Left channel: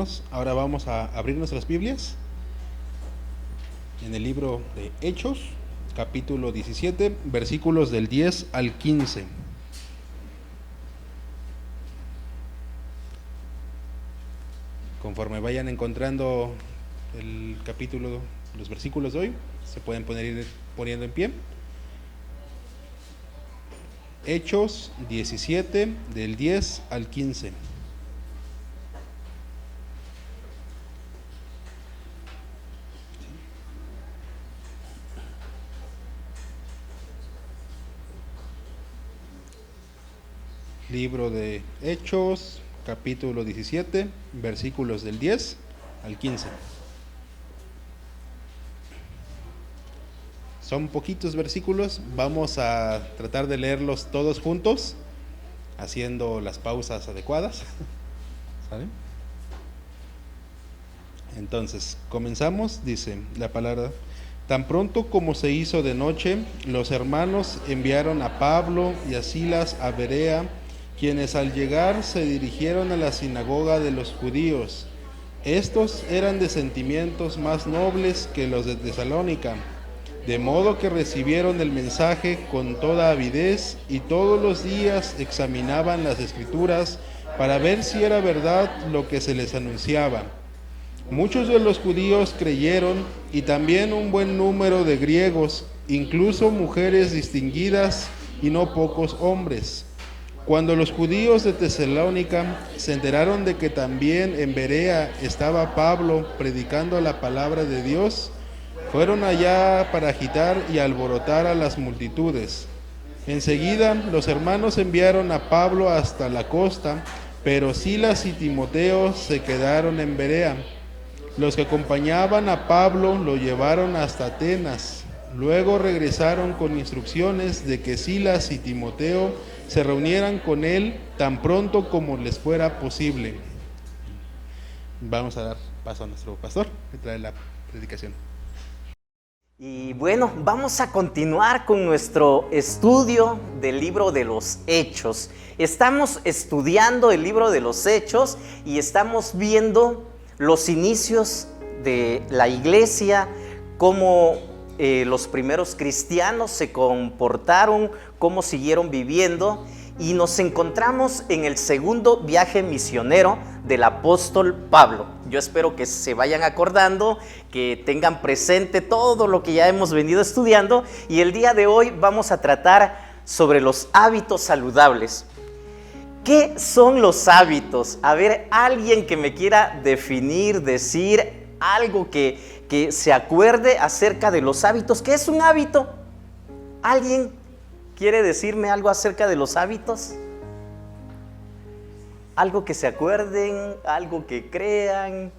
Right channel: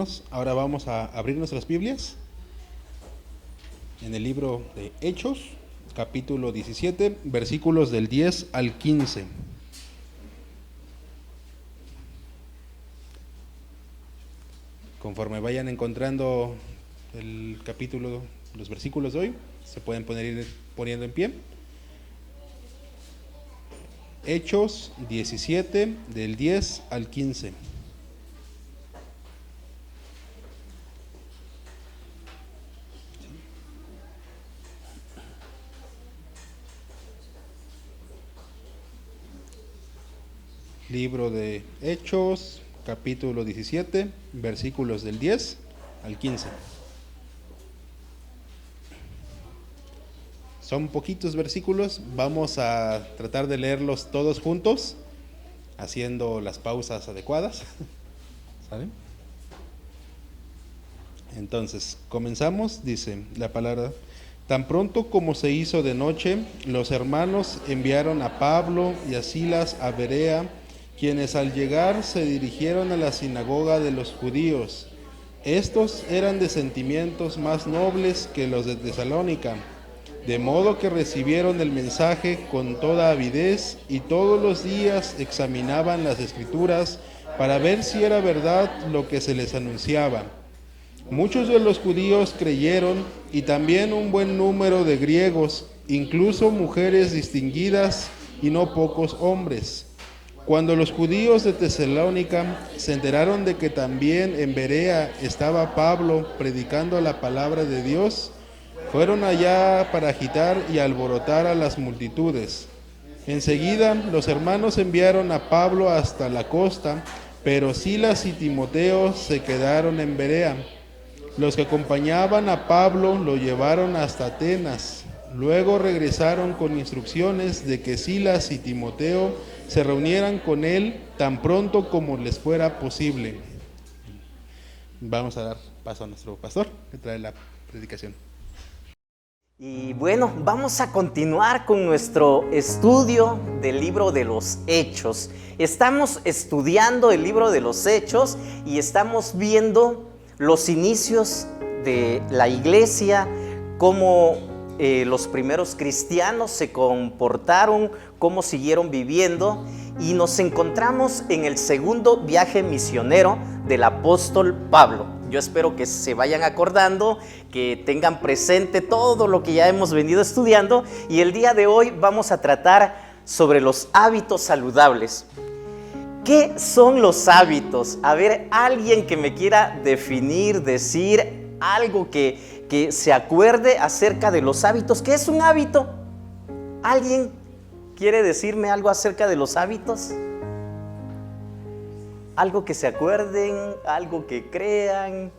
hermanos, ahora vamos a abrir nuestras Biblias en el libro de Hechos, capítulo 17, versículos del 10 al 15. Conforme vayan encontrando el capítulo, los versículos de hoy, se pueden ir poniendo en pie. Hechos 17, del 10 al 15. Libro de Hechos, capítulo 17, versículos del 10 al 15. Son poquitos versículos, vamos a tratar de leerlos todos juntos, haciendo las pausas adecuadas. ¿Sabe? Entonces, comenzamos, dice la palabra. Tan pronto como se hizo de noche, los hermanos enviaron a Pablo y a Silas a Berea, quienes al llegar se dirigieron a la sinagoga de los judíos. Estos eran de sentimientos más nobles que los de Tesalónica, de modo que recibieron el mensaje con toda avidez y todos los días examinaban las escrituras para ver si era verdad lo que se les anunciaba. Muchos de los judíos creyeron y también un buen número de griegos, incluso mujeres distinguidas y no pocos hombres. Cuando los judíos de Tesalónica se enteraron de que también en Berea estaba Pablo predicando la palabra de Dios, fueron allá para agitar y alborotar a las multitudes. Enseguida los hermanos enviaron a Pablo hasta la costa, pero Silas y Timoteo se quedaron en Berea. Los que acompañaban a Pablo lo llevaron hasta Atenas. Luego regresaron con instrucciones de que Silas y Timoteo se reunieran con él tan pronto como les fuera posible. Vamos a dar paso a nuestro pastor que trae la predicación. Y bueno, vamos a continuar con nuestro estudio del libro de los Hechos. Estamos estudiando el libro de los Hechos y estamos viendo los inicios de la iglesia, cómo los primeros cristianos se comportaron, cómo siguieron viviendo, y nos encontramos en el segundo viaje misionero del apóstol Pablo. Yo espero que se vayan acordando, que tengan presente todo lo que ya hemos venido estudiando, y el día de hoy vamos a tratar sobre los hábitos saludables. ¿Qué son los hábitos? A ver, alguien que me quiera definir, decir algo que se acuerde acerca de los hábitos. ¿Qué es un hábito? ¿Alguien quiere decirme algo acerca de los hábitos? Algo que se acuerden, algo que crean.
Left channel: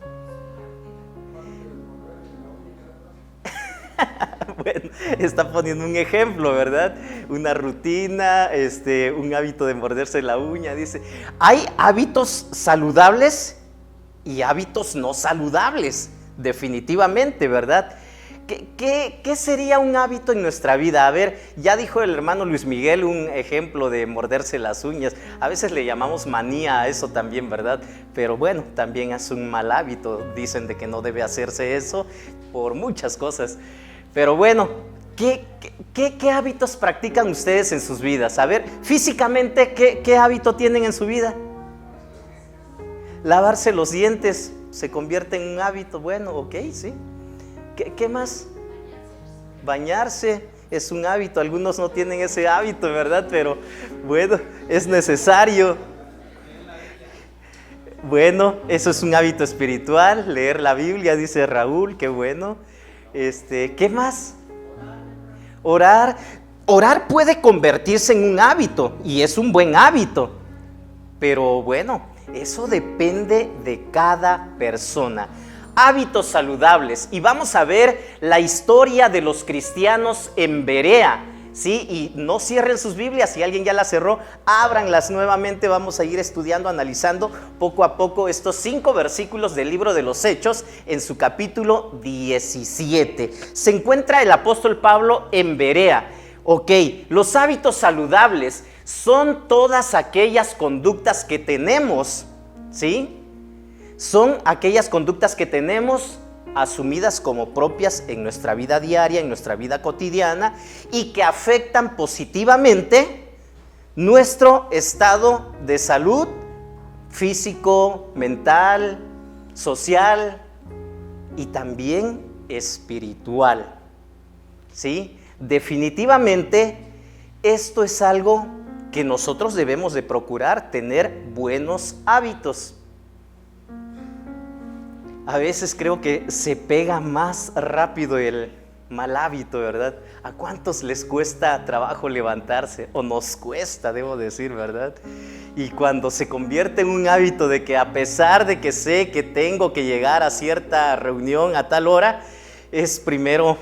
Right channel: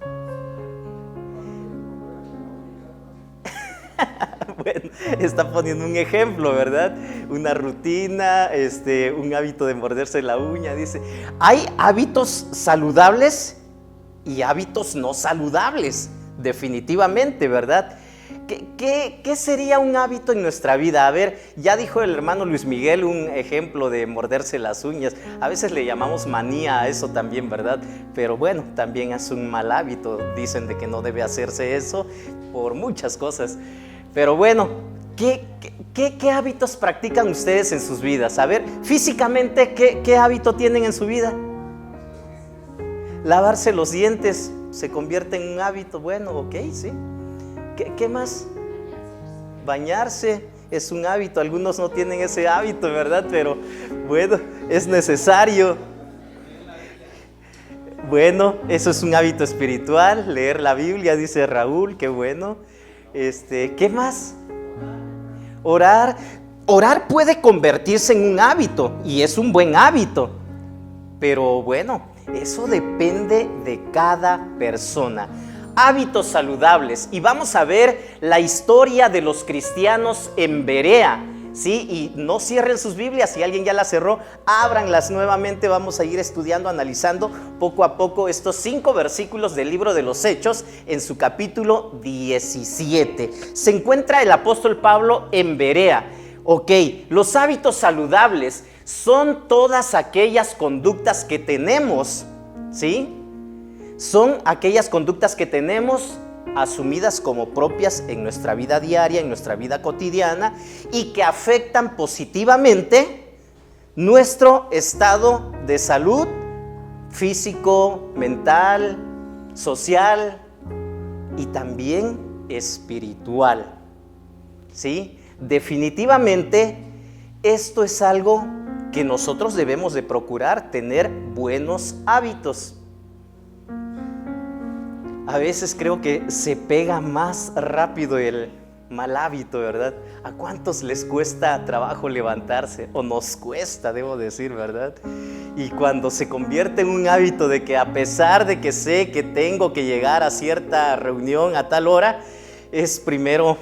Bueno, está poniendo un ejemplo, ¿verdad? Una rutina, un hábito de morderse la uña. Dice, hay hábitos saludables y hábitos no saludables, definitivamente, ¿verdad? ¿Qué sería un hábito en nuestra vida? A ver, ya dijo el hermano Luis Miguel un ejemplo de morderse las uñas. A veces le llamamos manía a eso también, ¿verdad? Pero bueno, también es un mal hábito. Dicen de que no debe hacerse eso por muchas cosas. Pero bueno, ¿qué hábitos practican ustedes en sus vidas? A ver, físicamente, ¿qué hábito tienen en su vida? Lavarse los dientes se convierte en un hábito. Bueno, ok, sí. ¿Qué más? Bañarse es un hábito. Algunos no tienen ese hábito, ¿verdad? Pero bueno, es necesario. Bueno, eso es un hábito espiritual. Leer la Biblia, dice Raúl, qué bueno. ¿Qué más? Orar. Orar puede convertirse en un hábito y es un buen hábito. Pero bueno, eso depende de cada persona. Hábitos saludables. Y vamos a ver la historia de los cristianos en Berea. ¿Sí? Y no cierren sus Biblias. Si alguien ya las cerró, ábranlas nuevamente. Vamos a ir estudiando, analizando poco a poco estos 5 versículos del libro de los Hechos en su capítulo 17. Se encuentra el apóstol Pablo en Berea. Ok, los hábitos saludables son todas aquellas conductas que tenemos, ¿sí? Son aquellas conductas que tenemos asumidas como propias en nuestra vida diaria, en nuestra vida cotidiana, y que afectan positivamente nuestro estado de salud físico, mental, social y también espiritual. ¿Sí? Definitivamente esto es algo que nosotros debemos de procurar, tener buenos hábitos. A veces creo que se pega más rápido el mal hábito, ¿verdad? ¿A cuántos les cuesta trabajo levantarse? O nos cuesta, debo decir, ¿verdad? Y cuando se convierte en un hábito de que a pesar de que sé que tengo que llegar a cierta reunión a tal hora, es primero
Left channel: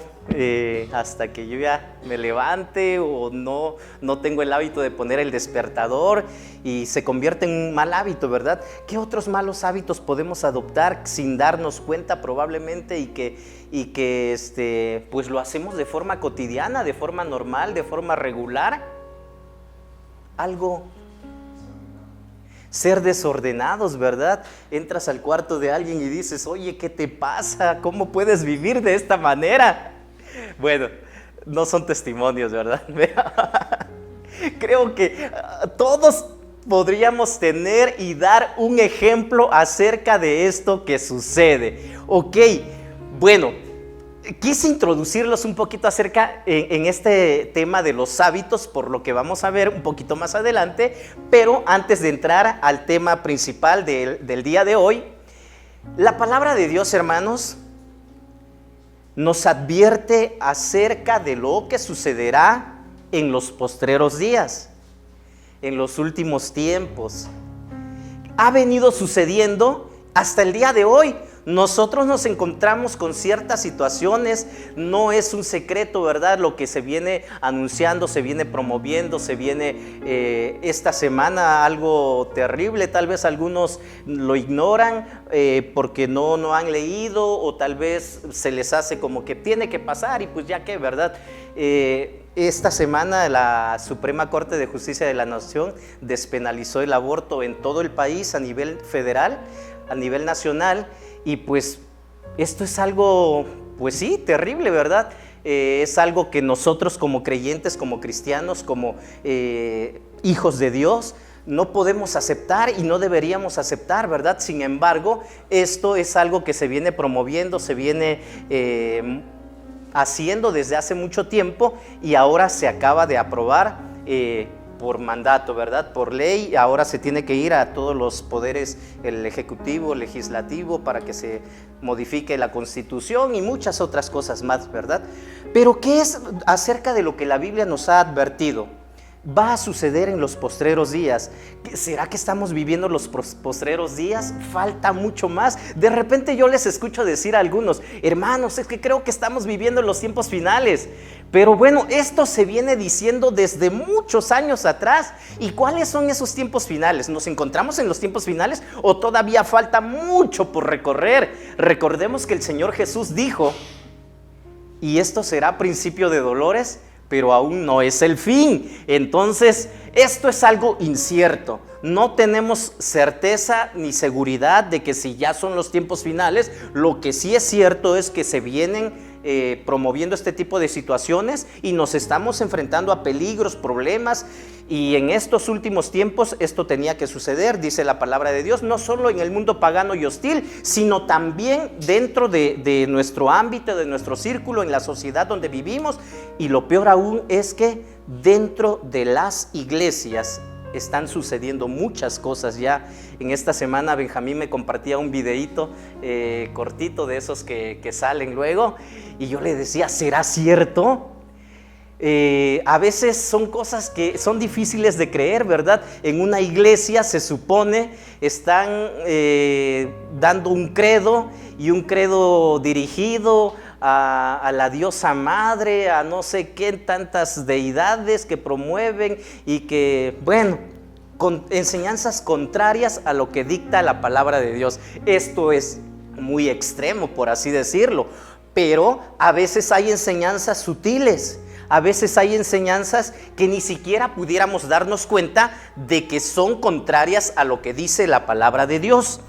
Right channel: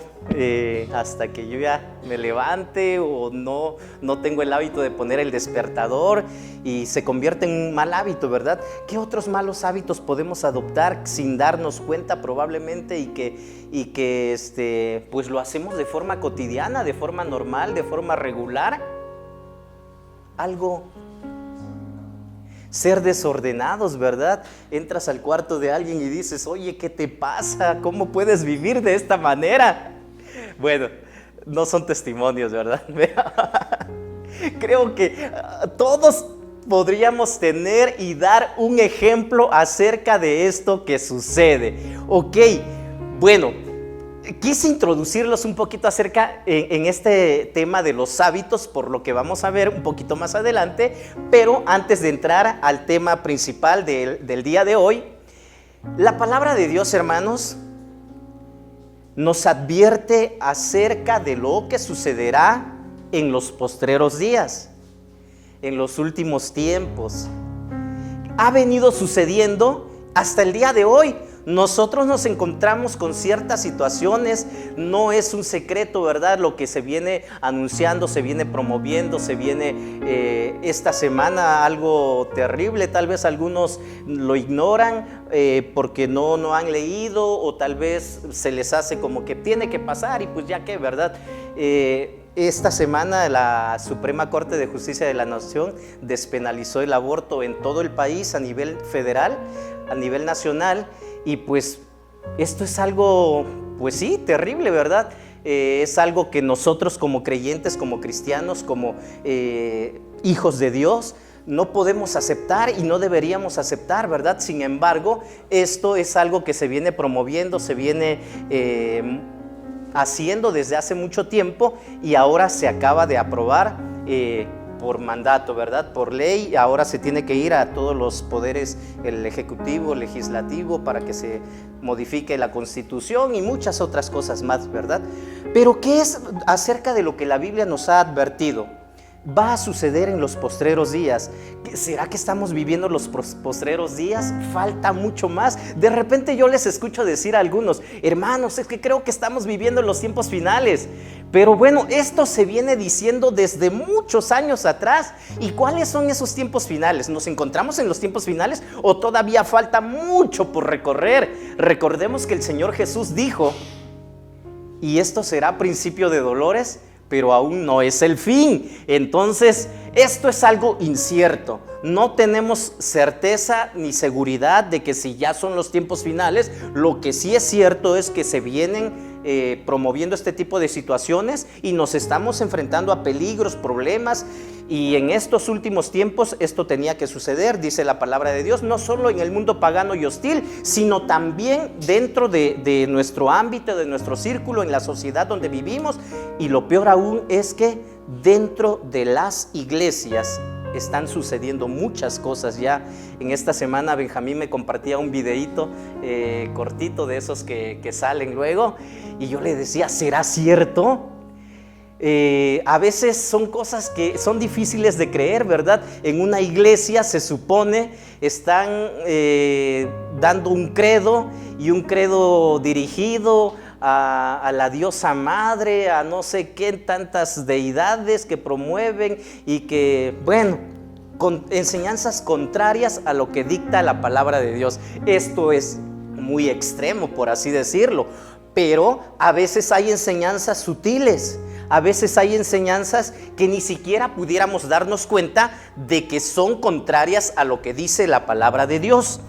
hasta que yo ya me levante, o no tengo el hábito de poner el despertador, y se convierte en un mal hábito, ¿verdad? ¿Qué otros malos hábitos podemos adoptar sin darnos cuenta probablemente, y que pues lo hacemos de forma cotidiana, de forma normal, de forma regular? Ser desordenados, ¿verdad? Entras al cuarto de alguien y dices: oye, ¿qué te pasa? ¿Cómo puedes vivir de esta manera? Bueno, no son testimonios, ¿verdad? Creo que todos podríamos tener y dar un ejemplo acerca de esto que sucede. Ok, bueno, quise introducirlos un poquito acerca en este tema de los hábitos, por lo que vamos a ver un poquito más adelante. Pero antes de entrar al tema principal del día de hoy, la palabra de Dios, hermanos, nos advierte acerca de lo que sucederá en los postreros días, en los últimos tiempos. Ha venido sucediendo hasta el día de hoy. Nosotros nos encontramos con ciertas situaciones, no es un secreto, ¿verdad? Lo que se viene anunciando, se viene promoviendo, se viene esta semana algo terrible. Tal vez algunos lo ignoran porque no han leído, o tal vez se les hace como que tiene que pasar y pues ya que, ¿verdad? Esta semana la Suprema Corte de Justicia de la Nación despenalizó el aborto en todo el país, a nivel federal, a nivel nacional. Y pues esto es algo, pues sí, terrible, ¿verdad? Es algo que nosotros como creyentes, como cristianos, como hijos de Dios, no podemos aceptar y no deberíamos aceptar, ¿verdad? Sin embargo, esto es algo que se viene promoviendo, se viene haciendo desde hace mucho tiempo, y ahora se acaba de aprobar por mandato, ¿verdad? Por ley. Ahora se tiene que ir a todos los poderes, el ejecutivo, el legislativo, para que se modifique la Constitución y muchas otras cosas más, ¿verdad? Pero ¿qué es acerca de lo que la Biblia nos ha advertido? Va a suceder en los postreros días. ¿Será que estamos viviendo los postreros días? Falta mucho más. De repente yo les escucho decir a algunos: hermanos, es que creo que estamos viviendo los tiempos finales. Pero bueno, esto se viene diciendo desde muchos años atrás. ¿Y cuáles son esos tiempos finales? ¿Nos encontramos en los tiempos finales o todavía falta mucho por recorrer? Recordemos que el Señor Jesús dijo: y esto será principio de dolores, pero aún no es el fin. Entonces, esto es algo incierto. No tenemos certeza ni seguridad de que si ya son los tiempos finales. Lo que sí es cierto es que se vienen promoviendo este tipo de situaciones y nos estamos enfrentando a peligros, problemas. Y en estos últimos tiempos esto tenía que suceder, dice la palabra de Dios, no solo en el mundo pagano y hostil, sino también dentro de nuestro ámbito, de nuestro círculo, en la sociedad donde vivimos. Y lo peor aún es que dentro de las iglesias están sucediendo muchas cosas ya. En esta semana Benjamín me compartía un videíto cortito de esos que salen luego, y yo le decía: ¿será cierto? A veces son cosas que son difíciles de creer, ¿verdad? En una iglesia se supone están dando un credo, y un credo dirigido a la diosa madre, a no sé qué tantas deidades que promueven, y que, bueno, con enseñanzas contrarias a lo que dicta la palabra de Dios. Esto es muy extremo, por así decirlo, pero a veces hay enseñanzas sutiles. A veces hay enseñanzas que ni siquiera pudiéramos darnos cuenta de que son contrarias a lo que dice la palabra de Dios.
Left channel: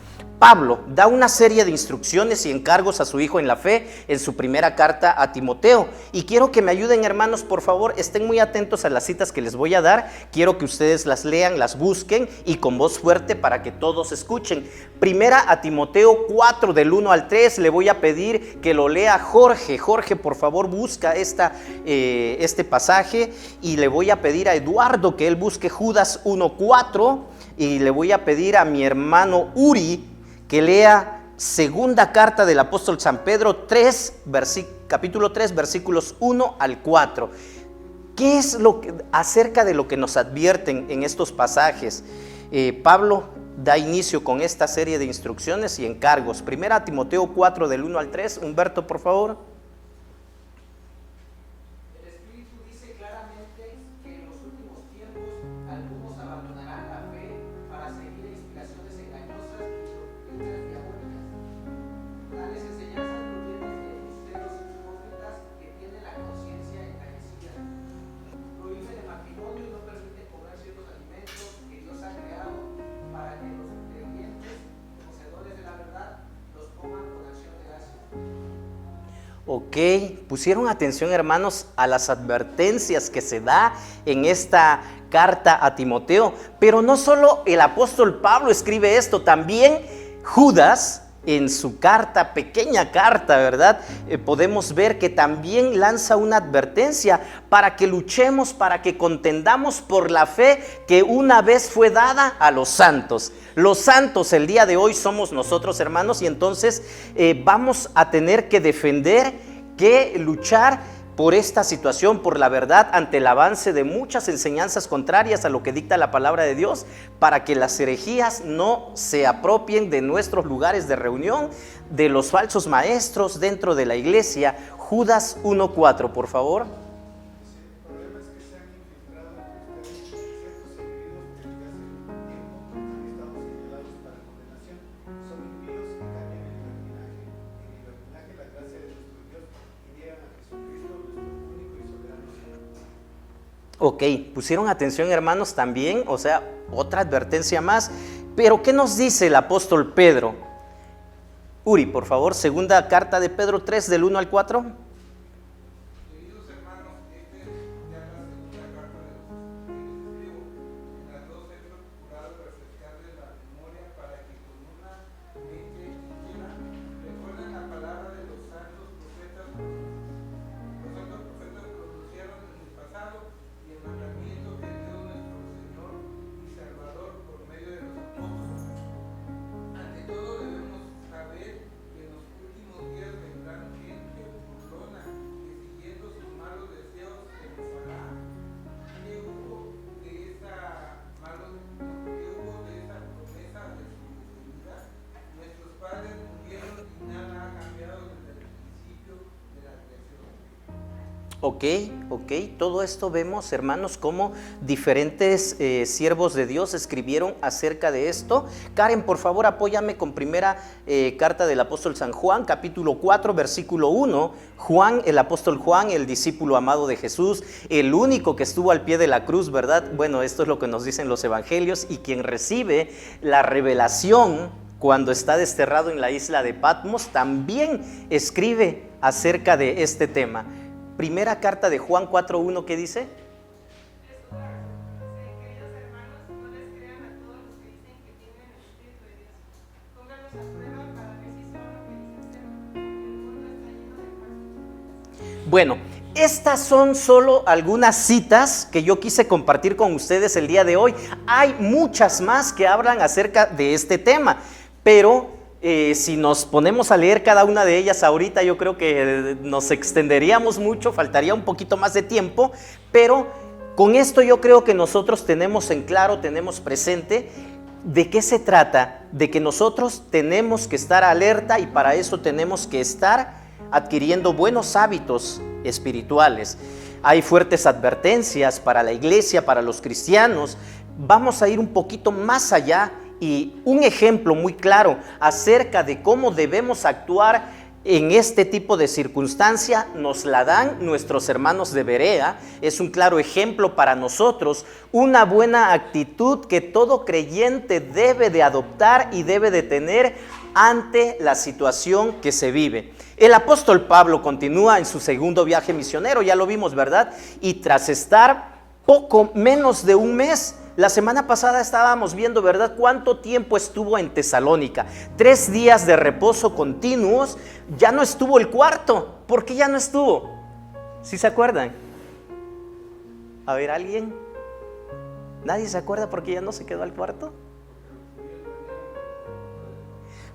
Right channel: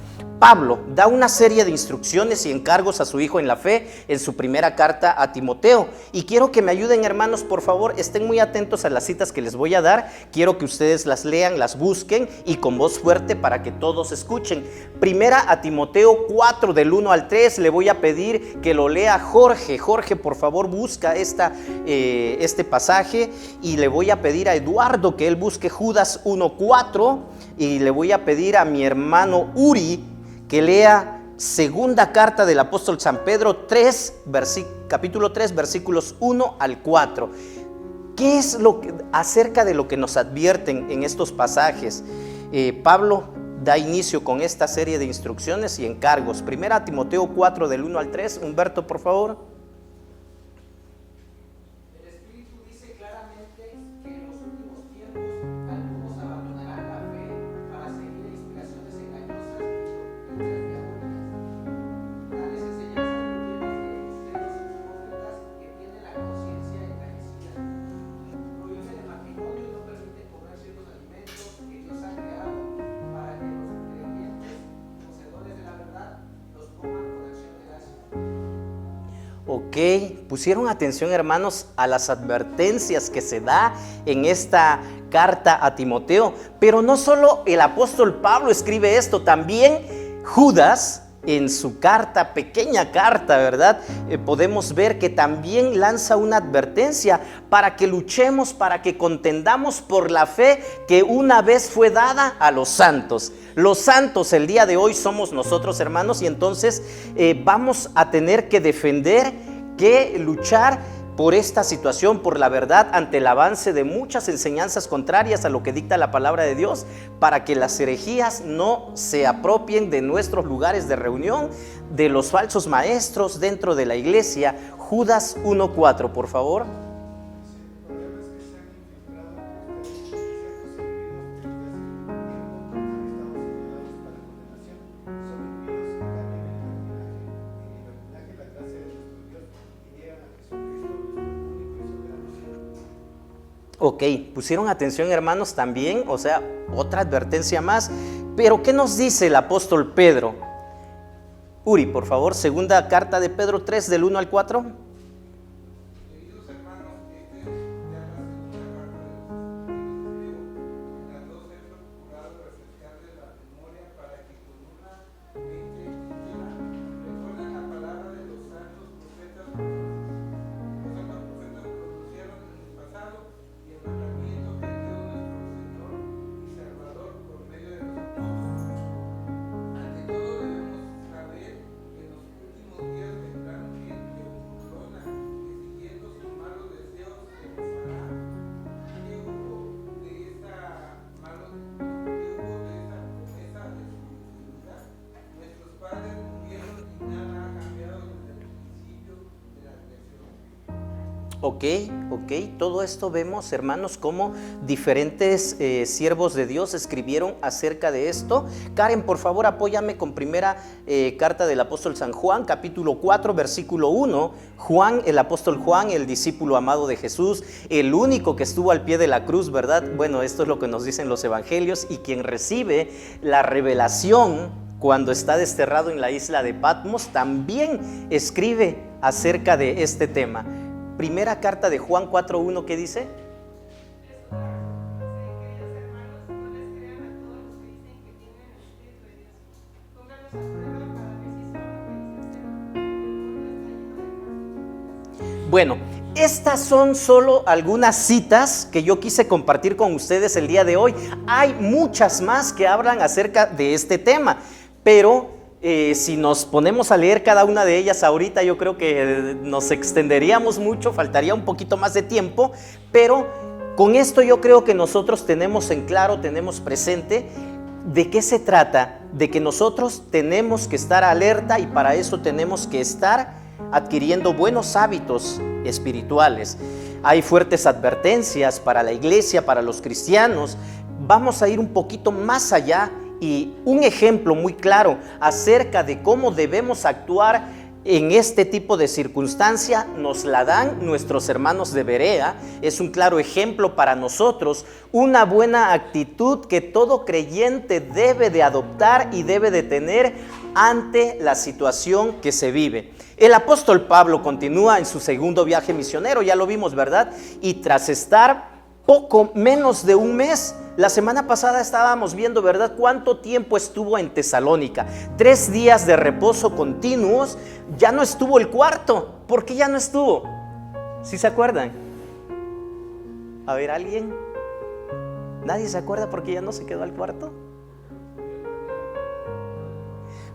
Pablo da una serie de instrucciones y encargos a su hijo en la fe en su primera carta a Timoteo. Y quiero que me ayuden, hermanos, por favor, estén muy atentos a las citas que les voy a dar. Quiero que ustedes las lean, las busquen y con voz fuerte para que todos escuchen. Primera a Timoteo 4 del 1 al 3. Le voy a pedir que lo lea Jorge. Jorge, por favor, busca este pasaje, y le voy a pedir a Eduardo que él busque Judas 1:4, y le voy a pedir a mi hermano Uri que lea segunda carta del apóstol San Pedro capítulo 3, versículos 1 al 4. ¿Qué es acerca de lo que nos advierten en estos pasajes? Pablo da inicio con esta serie de instrucciones y encargos. Primera Timoteo 4 del 1 al 3. Humberto, por favor. Ok, pusieron atención, hermanos, a las advertencias que se da en esta carta a Timoteo. Pero no solo el apóstol Pablo escribe esto, también Judas en su carta, pequeña carta, ¿verdad? Podemos ver que también lanza una advertencia para que luchemos, para que contendamos por la fe que una vez fue dada a los santos. Los santos el día de hoy somos nosotros, hermanos, y entonces vamos a tener que defender, que luchar por esta situación, por la verdad, ante el avance de muchas enseñanzas contrarias a lo que dicta la palabra de Dios, para que las herejías no se apropien de nuestros lugares de reunión, de los falsos maestros dentro de la iglesia. Judas 1:4, por favor. Ok, pusieron atención, hermanos, también, o sea, otra advertencia más. Pero ¿qué nos dice el apóstol Pedro? Uri, por favor, segunda carta de Pedro 3 del 1 al 4. Ok, todo esto vemos, hermanos, como diferentes siervos de Dios escribieron acerca de esto. Karen, por favor, apóyame con primera carta del apóstol San Juan, capítulo 4, versículo 1. Juan, el apóstol Juan, el discípulo amado de Jesús, el único que estuvo al pie de la cruz, ¿verdad? Bueno, esto es lo que nos dicen los evangelios, y quien recibe la revelación cuando está desterrado en la isla de Patmos, también escribe acerca de este tema. Primera carta de Juan 4:1, ¿qué dice? Bueno, estas son solo algunas citas que yo quise compartir con ustedes el día de hoy. Hay muchas más que hablan acerca de este tema, pero si nos ponemos a leer cada una de ellas ahorita, yo creo que nos extenderíamos mucho, faltaría un poquito más de tiempo. Pero con esto yo creo que nosotros tenemos en claro, tenemos presente de qué se trata, de que nosotros tenemos que estar alerta, y para eso tenemos que estar adquiriendo buenos hábitos espirituales. Hay fuertes advertencias para la iglesia, para los cristianos. Vamos a ir un poquito más allá, y un ejemplo muy claro acerca de cómo debemos actuar en este tipo de circunstancia nos la dan nuestros hermanos de Berea. Es un claro ejemplo para nosotros, una buena actitud que todo creyente debe de adoptar y debe de tener ante la situación que se vive. El apóstol Pablo continúa en su segundo viaje misionero, ya lo vimos, ¿verdad? Y tras estar poco menos de un mes, la semana pasada estábamos viendo, ¿verdad?, cuánto tiempo estuvo en Tesalónica. 3 días de reposo continuos. Ya no estuvo el cuarto. ¿Por qué ya no estuvo? ¿Sí se acuerdan? A ver, ¿alguien? ¿Nadie se acuerda por qué ya no se quedó al cuarto?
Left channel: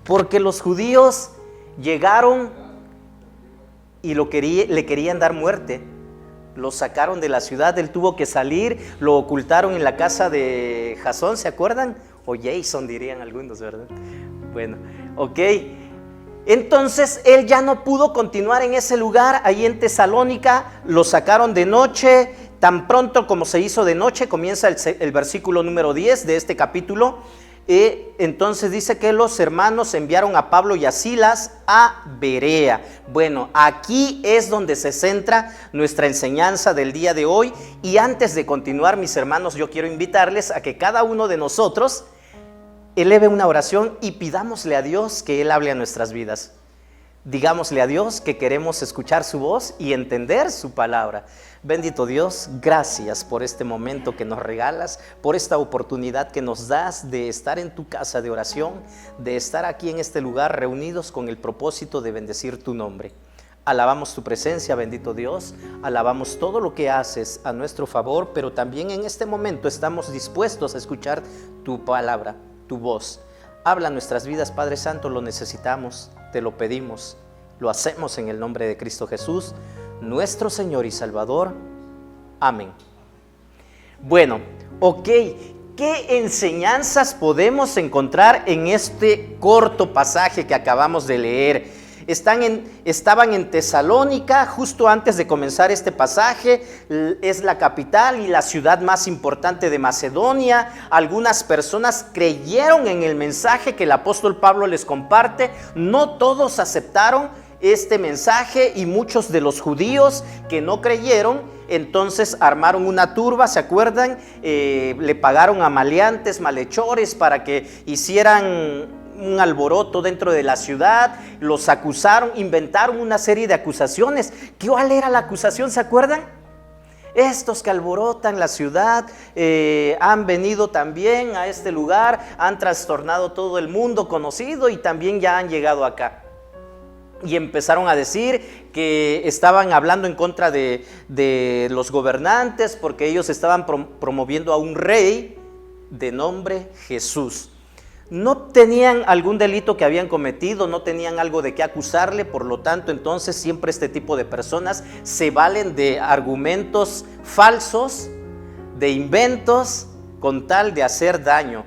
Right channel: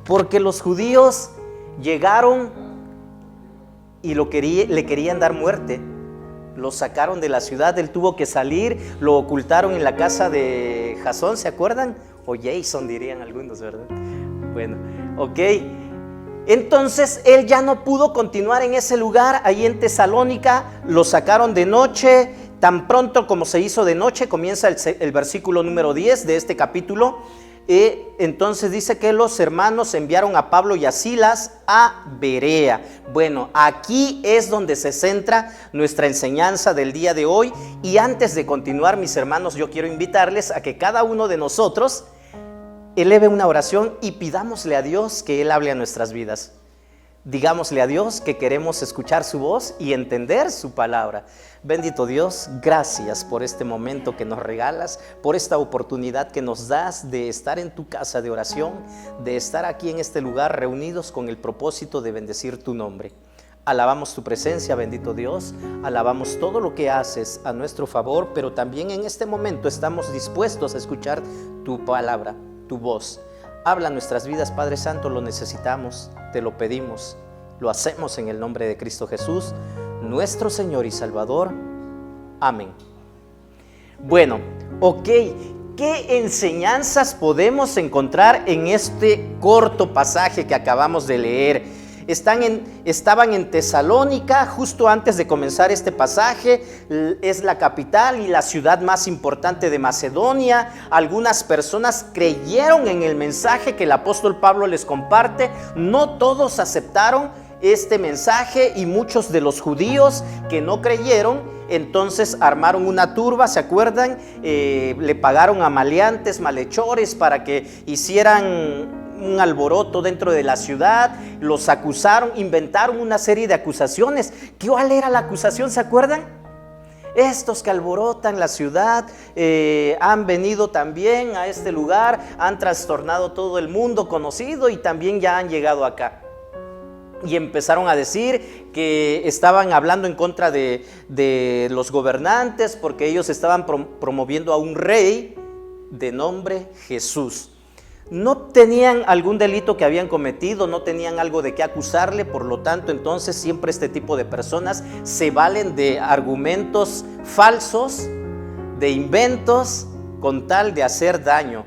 Porque los judíos llegaron y le querían dar muerte. Lo sacaron de la ciudad, él tuvo que salir, lo ocultaron en la casa de Jasón, ¿se acuerdan? O Jason dirían algunos, ¿verdad? Bueno, ok. Entonces él ya no pudo continuar en ese lugar, ahí en Tesalónica, lo sacaron de noche. Tan pronto como se hizo de noche, comienza el versículo número 10 de este capítulo. Entonces dice que los hermanos enviaron a Pablo y a Silas a Berea. Bueno, aquí es donde se centra nuestra enseñanza del día de hoy. Y antes de continuar, mis hermanos, yo quiero invitarles a que cada uno de nosotros eleve una oración y pidámosle a Dios que Él hable a nuestras vidas. Digámosle a Dios que queremos escuchar su voz y entender su palabra. Bendito Dios, gracias por este momento que nos regalas, por esta oportunidad que nos das de estar en tu casa de oración, de estar aquí en este lugar reunidos con el propósito de bendecir tu nombre. Alabamos tu presencia, bendito Dios, alabamos todo lo que haces a nuestro favor, pero también en este momento estamos dispuestos a escuchar tu palabra, tu voz. Habla nuestras vidas, Padre Santo, lo necesitamos, te lo pedimos, lo hacemos en el nombre de Cristo Jesús, nuestro Señor y Salvador. Amén. Bueno, ok, ¿qué enseñanzas podemos encontrar en este corto pasaje que acabamos de leer? Estaban en Tesalónica justo antes de comenzar este pasaje. Es la capital y la ciudad más importante de Macedonia. Algunas personas creyeron en el mensaje que el apóstol Pablo les comparte. No todos aceptaron este mensaje y muchos de los judíos que no creyeron entonces armaron una turba, ¿se acuerdan? Le pagaron a maleantes, malhechores para que hicieran un alboroto dentro de la ciudad. Los acusaron, inventaron una serie de acusaciones. ¿Cuál era la acusación? ¿Se acuerdan? Estos que alborotan la ciudad han venido también a este lugar, han trastornado todo el mundo conocido y también ya han llegado acá. Y empezaron a decir que estaban hablando en contra de los gobernantes porque ellos estaban promoviendo a un rey de nombre Jesús. No tenían algún delito que habían cometido, no tenían algo de qué acusarle, por lo tanto, entonces siempre este tipo de personas se valen de argumentos falsos, de inventos, con tal de hacer daño.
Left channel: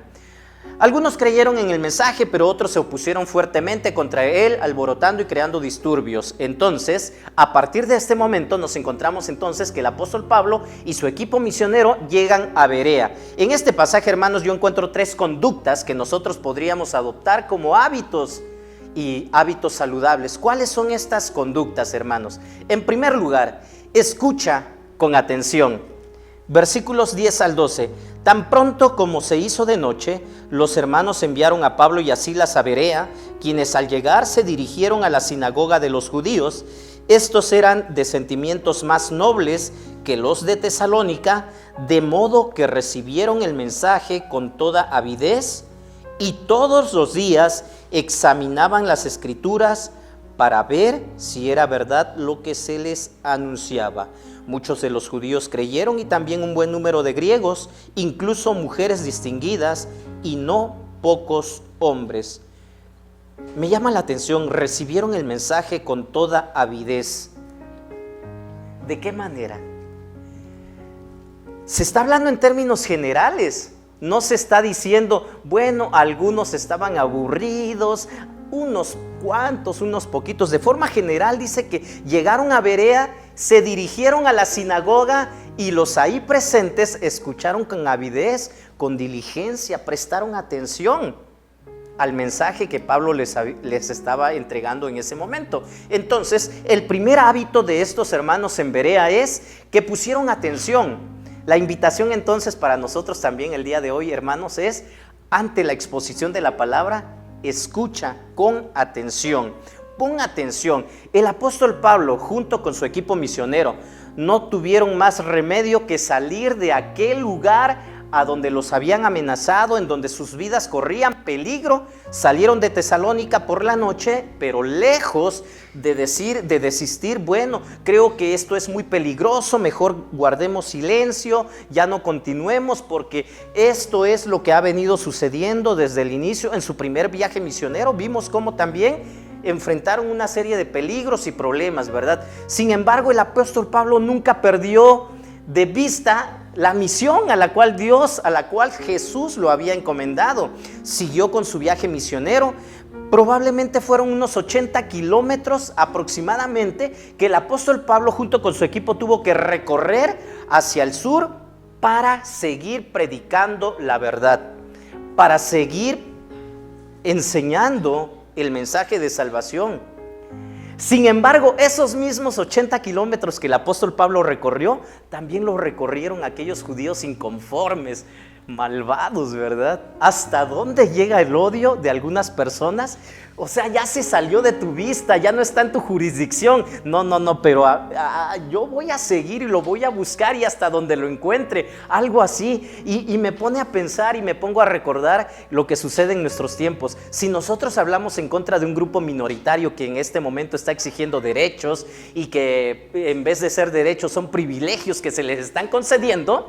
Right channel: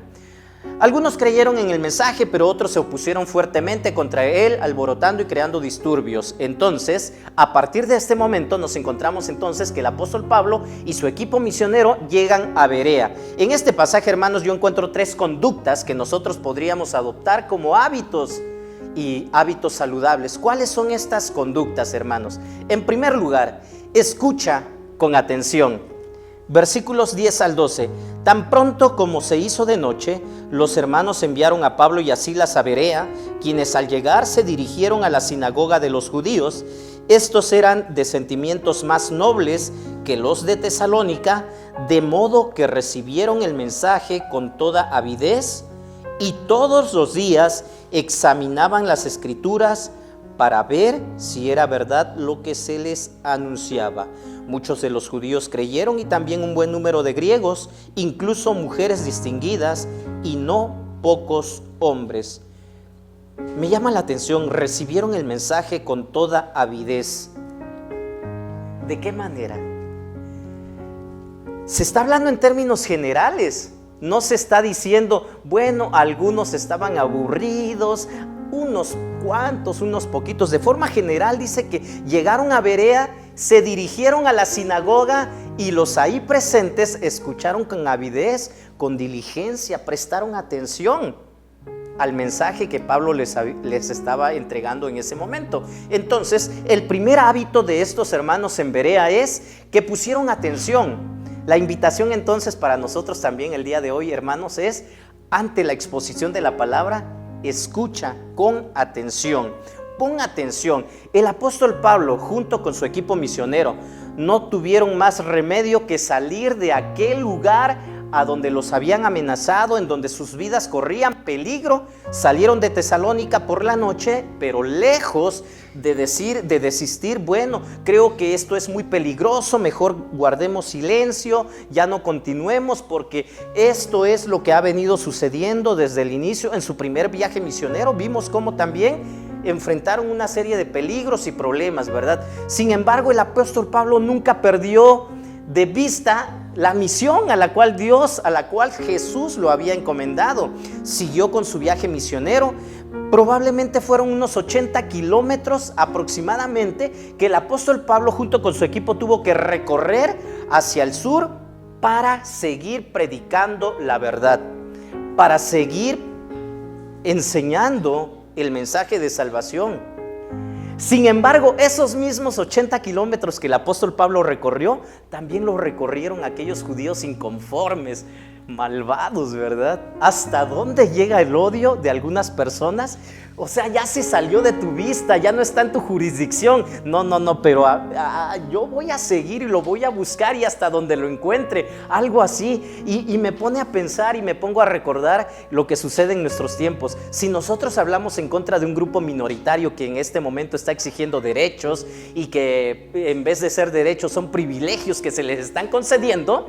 Algunos creyeron en el mensaje, pero otros se opusieron fuertemente contra él, alborotando y creando disturbios. Entonces, a partir de este momento nos encontramos entonces que el apóstol Pablo y su equipo misionero llegan a Berea. En este pasaje, hermanos, yo encuentro 3 conductas que nosotros podríamos adoptar como hábitos y hábitos saludables. ¿Cuáles son estas conductas, hermanos? En primer lugar, escucha con atención. Versículos 10 al 12. Tan pronto como se hizo de noche, los hermanos enviaron a Pablo y a Silas a Berea, quienes al llegar se dirigieron a la sinagoga de los judíos. Estos eran de sentimientos más nobles que los de Tesalónica, de modo que recibieron el mensaje con toda avidez y todos los días examinaban las escrituras para ver si era verdad lo que se les anunciaba. Muchos de los judíos creyeron y también un buen número de griegos, incluso mujeres distinguidas y no pocos hombres. Me llama la atención, recibieron el mensaje con toda avidez. ¿De qué manera? Se está hablando en términos generales. No se está diciendo, bueno, algunos estaban aburridos, unos cuantos, unos poquitos. De forma general dice que llegaron a Berea, se dirigieron a la sinagoga y los ahí presentes escucharon con avidez, con diligencia, prestaron atención. al mensaje que Pablo les estaba entregando en ese momento. Entonces, el primer hábito de estos hermanos en Berea es que pusieron atención. La invitación entonces para nosotros también el día de hoy, hermanos, es ante la exposición de la palabra, escucha con atención. Pon atención. El apóstol Pablo, junto con su equipo misionero, no tuvieron más remedio que salir de aquel lugar a donde los habían amenazado, en donde sus vidas corrían peligro. Salieron de Tesalónica por la noche, pero lejos de desistir. Bueno, creo que esto es muy peligroso, mejor guardemos silencio, ya no continuemos, porque esto es lo que ha venido sucediendo desde el inicio. En su primer viaje misionero vimos cómo también enfrentaron una serie de peligros y problemas, ¿verdad? Sin embargo, el apóstol Pablo nunca perdió de vista la misión a la cual Jesús lo había encomendado. Siguió con su viaje misionero. Probablemente fueron unos 80 kilómetros aproximadamente que el apóstol Pablo junto con su equipo tuvo que recorrer hacia el sur para seguir predicando la verdad, para seguir enseñando el mensaje de salvación. Sin embargo, esos mismos 80 kilómetros que el apóstol Pablo recorrió, también lo recorrieron aquellos judíos inconformes, malvados, ¿verdad? ¿Hasta dónde llega el odio de algunas personas? O sea, ya se salió de tu vista, ya no está en tu jurisdicción. No, pero yo voy a seguir y lo voy a buscar y hasta donde lo encuentre, algo así. Y me pone a pensar y me pongo a recordar lo que sucede en nuestros tiempos. Si nosotros hablamos en contra de un grupo minoritario que en este momento está exigiendo derechos y que en vez de ser derechos son privilegios que se les están concediendo,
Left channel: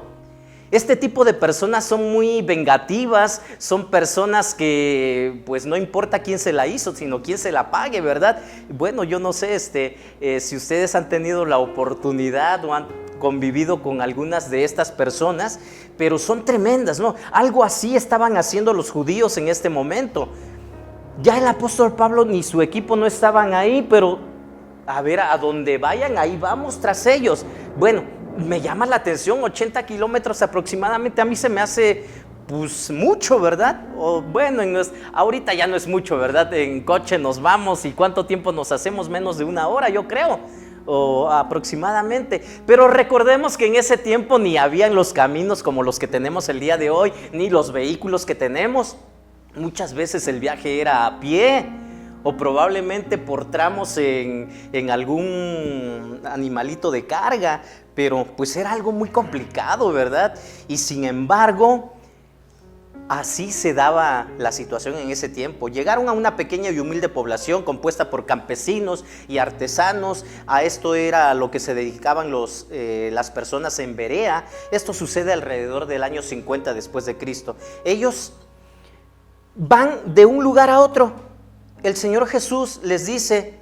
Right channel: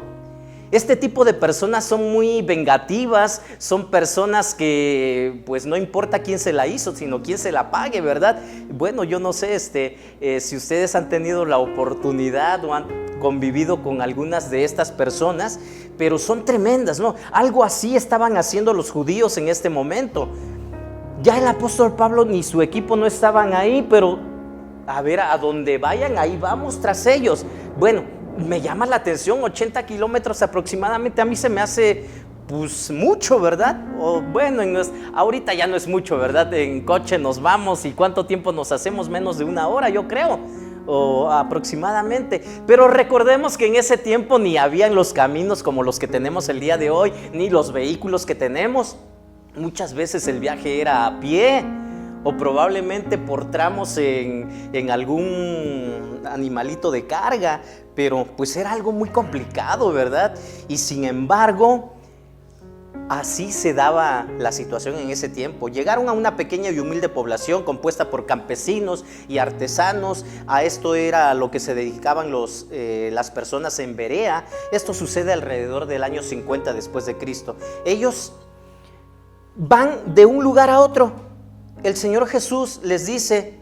este tipo de personas son muy vengativas, son personas que pues no importa quién se la hizo, sino quién se la pague, ¿verdad? Bueno, yo no sé si ustedes han tenido la oportunidad o han convivido con algunas de estas personas, pero son tremendas, ¿no? Algo así estaban haciendo los judíos en este momento. Ya el apóstol Pablo ni su equipo no estaban ahí, pero a ver, a donde vayan, ahí vamos tras ellos. Bueno, me llama la atención, 80 kilómetros aproximadamente, a mí se me hace pues mucho, ¿verdad? O bueno, ahorita ya no es mucho, ¿verdad? En coche nos vamos y ¿cuánto tiempo nos hacemos? Menos de una hora, yo creo, o aproximadamente. Pero recordemos que en ese tiempo ni habían los caminos como los que tenemos el día de hoy, ni los vehículos que tenemos. Muchas veces el viaje era a pie, o probablemente por tramos en algún animalito de carga, pero pues era algo muy complicado, ¿verdad? Y sin embargo, así se daba la situación en ese tiempo. Llegaron a una pequeña y humilde población compuesta por campesinos y artesanos. A esto era a lo que se dedicaban las personas en Berea. Esto sucede alrededor del año 50 después de Cristo. Ellos van de un lugar a otro. El Señor Jesús les dice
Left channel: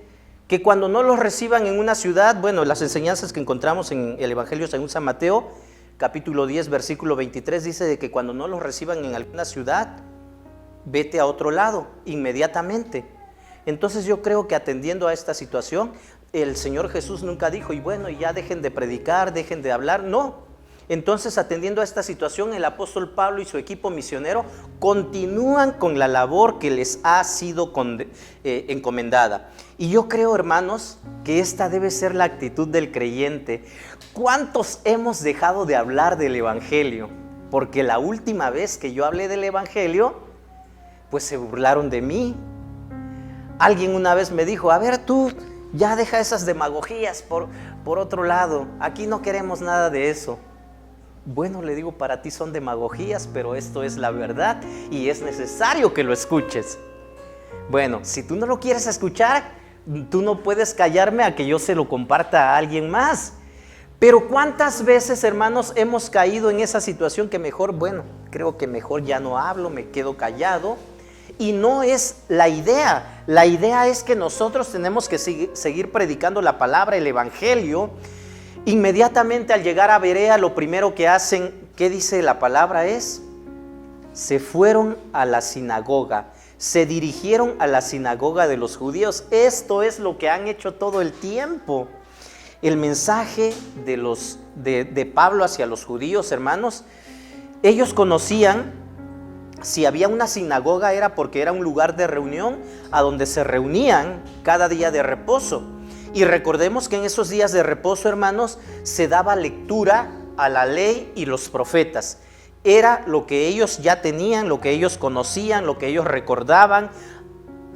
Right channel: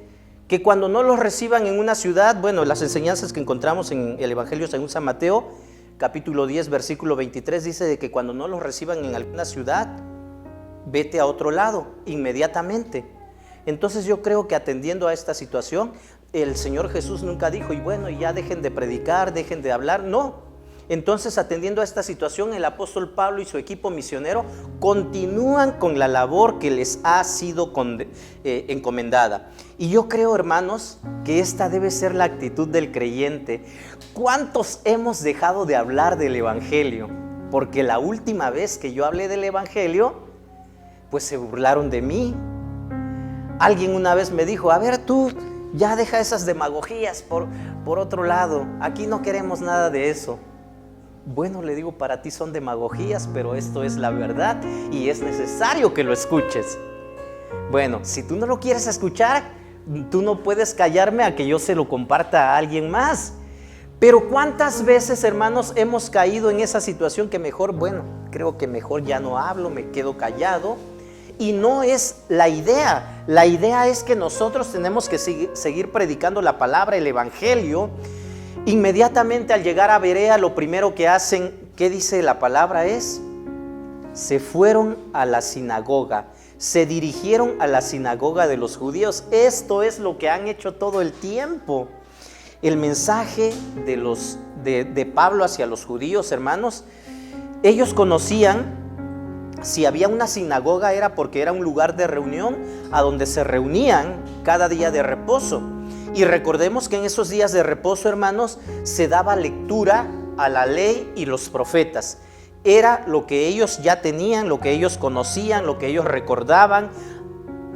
que cuando no los reciban en una ciudad, bueno, las enseñanzas que encontramos en el Evangelio según San Mateo, capítulo 10, versículo 23, dice de que cuando no los reciban en alguna ciudad, vete a otro lado inmediatamente. Entonces yo creo que atendiendo a esta situación, el Señor Jesús nunca dijo, y bueno, ya dejen de predicar, dejen de hablar, no. Entonces, atendiendo a esta situación, el apóstol Pablo y su equipo misionero continúan con la labor que les ha sido encomendada. Y yo creo, hermanos, que esta debe ser la actitud del creyente. ¿Cuántos hemos dejado de hablar del Evangelio? Porque la última vez que yo hablé del Evangelio, pues se burlaron de mí. Alguien una vez me dijo, a ver tú, ya deja esas demagogías por otro lado. Aquí no queremos nada de eso. Bueno, le digo, para ti son demagogías, pero esto es la verdad y es necesario que lo escuches. Bueno, si tú no lo quieres escuchar, tú no puedes callarme a que yo se lo comparta a alguien más. Pero ¿cuántas veces, hermanos, hemos caído en esa situación que mejor, bueno, creo que mejor ya no hablo, me quedo callado? Y no es la idea. La idea es que nosotros tenemos que seguir predicando la palabra, el Evangelio. Inmediatamente al llegar a Berea, lo primero que hacen, ¿qué dice la palabra? Se fueron a la sinagoga, se dirigieron a la sinagoga de los judíos. Esto es lo que han hecho todo el tiempo. El mensaje de Pablo hacia los judíos, hermanos, ellos conocían si había una sinagoga era porque era un lugar de reunión a donde se reunían cada día de reposo. Y recordemos que en esos días de reposo, hermanos, se daba lectura a la ley y los profetas. Era lo que ellos ya tenían, lo que ellos conocían, lo que ellos recordaban,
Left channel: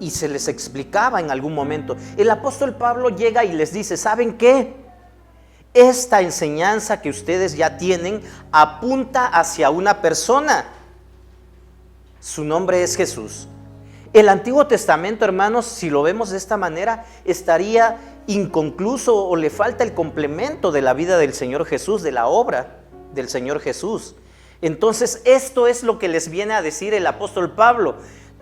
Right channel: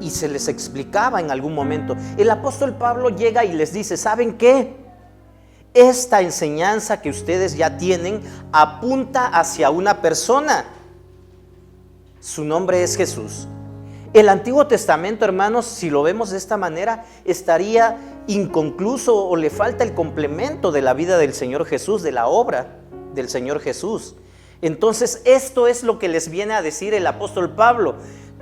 y se les explicaba en algún momento. El apóstol Pablo llega y les dice: ¿saben qué? Esta enseñanza que ustedes ya tienen apunta hacia una persona. Su nombre es Jesús. El Antiguo Testamento, hermanos, si lo vemos de esta manera, estaría inconcluso o le falta el complemento de la vida del Señor Jesús, de la obra del Señor Jesús. Entonces, esto es lo que les viene a decir el apóstol Pablo.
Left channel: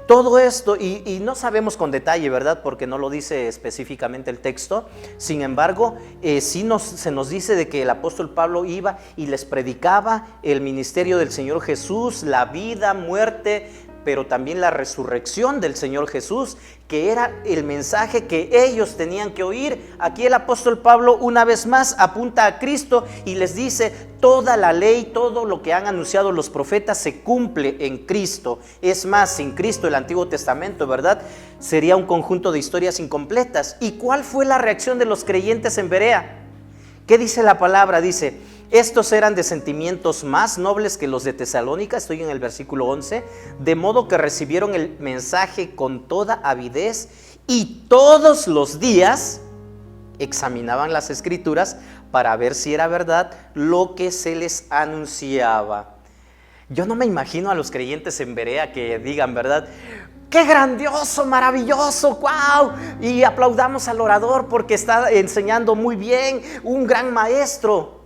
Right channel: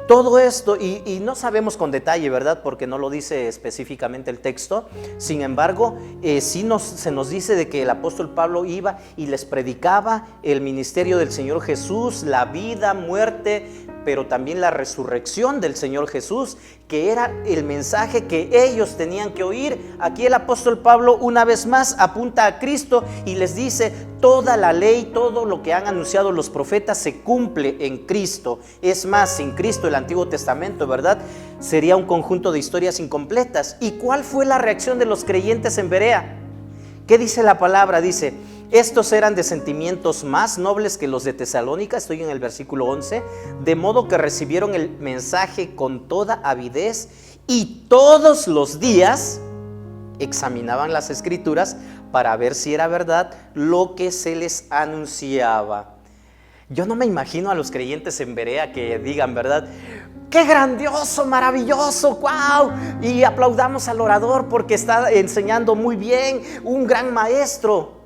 Todo esto, y no sabemos con detalle, ¿verdad? Porque no lo dice específicamente el texto. Sin embargo, sí se nos dice de que el apóstol Pablo iba y les predicaba el ministerio del Señor Jesús, la vida, muerte, pero también la resurrección del Señor Jesús, que era el mensaje que ellos tenían que oír. Aquí el apóstol Pablo una vez más apunta a Cristo y les dice: toda la ley, todo lo que han anunciado los profetas se cumple en Cristo. Es más, sin Cristo el Antiguo Testamento, ¿verdad?, sería un conjunto de historias incompletas. ¿Y cuál fue la reacción de los creyentes en Berea? ¿Qué dice la palabra? Dice: estos eran de sentimientos más nobles que los de Tesalónica, estoy en el versículo 11, de modo que recibieron el mensaje con toda avidez y todos los días examinaban las escrituras para ver si era verdad lo que se les anunciaba. Yo no me imagino a los creyentes en Berea que digan, ¿verdad?, ¡qué grandioso, maravilloso, wow! Y aplaudamos al orador porque está enseñando muy bien, un gran maestro.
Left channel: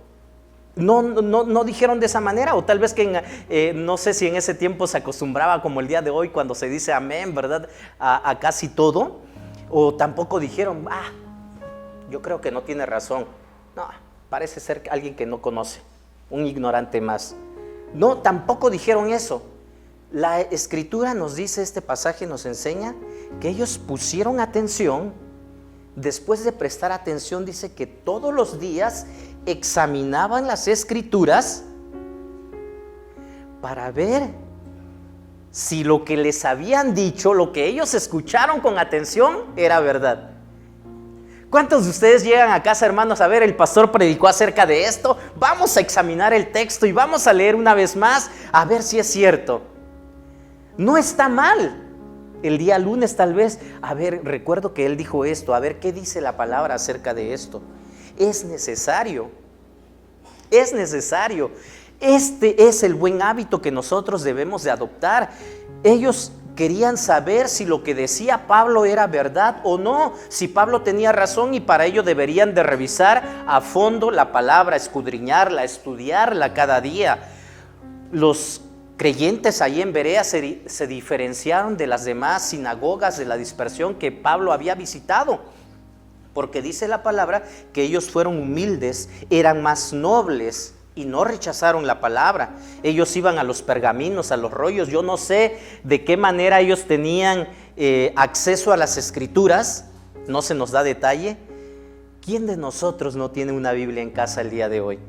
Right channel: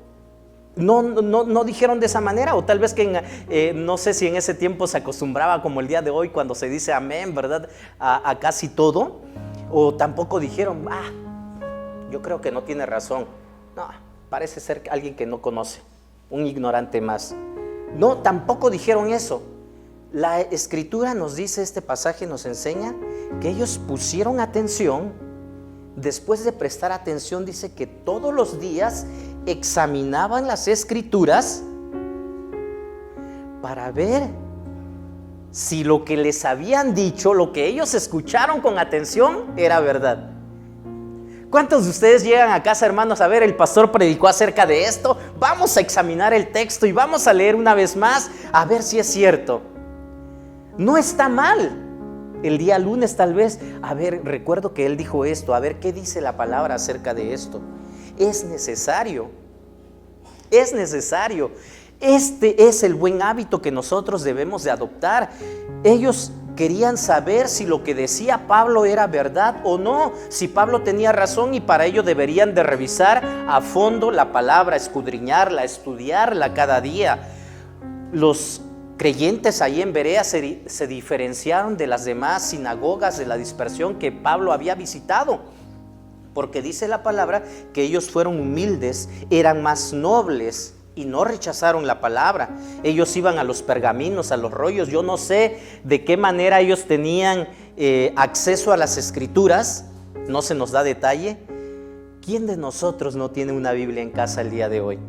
No dijeron de esa manera, o tal vez que no sé si en ese tiempo se acostumbraba como el día de hoy cuando se dice amén, ¿verdad?, a casi todo. O tampoco dijeron: yo creo que no tiene razón. No, parece ser alguien que no conoce, un ignorante más. No, tampoco dijeron eso. La escritura nos dice, este pasaje nos enseña que ellos pusieron atención. Después de prestar atención, dice que todos los días examinaban las escrituras para ver si lo que les habían dicho, lo que ellos escucharon con atención, era verdad. ¿Cuántos de ustedes llegan a casa, hermanos, a ver, el pastor predicó acerca de esto? Vamos a examinar el texto y vamos a leer una vez más a ver si es cierto. No está mal. El día lunes tal vez, a ver, recuerdo que él dijo esto, a ver qué dice la palabra acerca de esto. Es necesario. Es necesario. Este es el buen hábito que nosotros debemos de adoptar. Ellos querían saber si lo que decía Pablo era verdad o no, si Pablo tenía razón, y para ello deberían de revisar a fondo la palabra, escudriñarla, estudiarla cada día. Los creyentes ahí en Berea se diferenciaron de las demás sinagogas de la dispersión que Pablo había visitado, porque dice la palabra que ellos fueron humildes, eran más nobles y no rechazaron la palabra. Ellos iban a los pergaminos, a los rollos. Yo no sé de qué manera ellos tenían acceso a las escrituras, no se nos da detalle. ¿Quién de nosotros no tiene una Biblia en casa el día de hoy?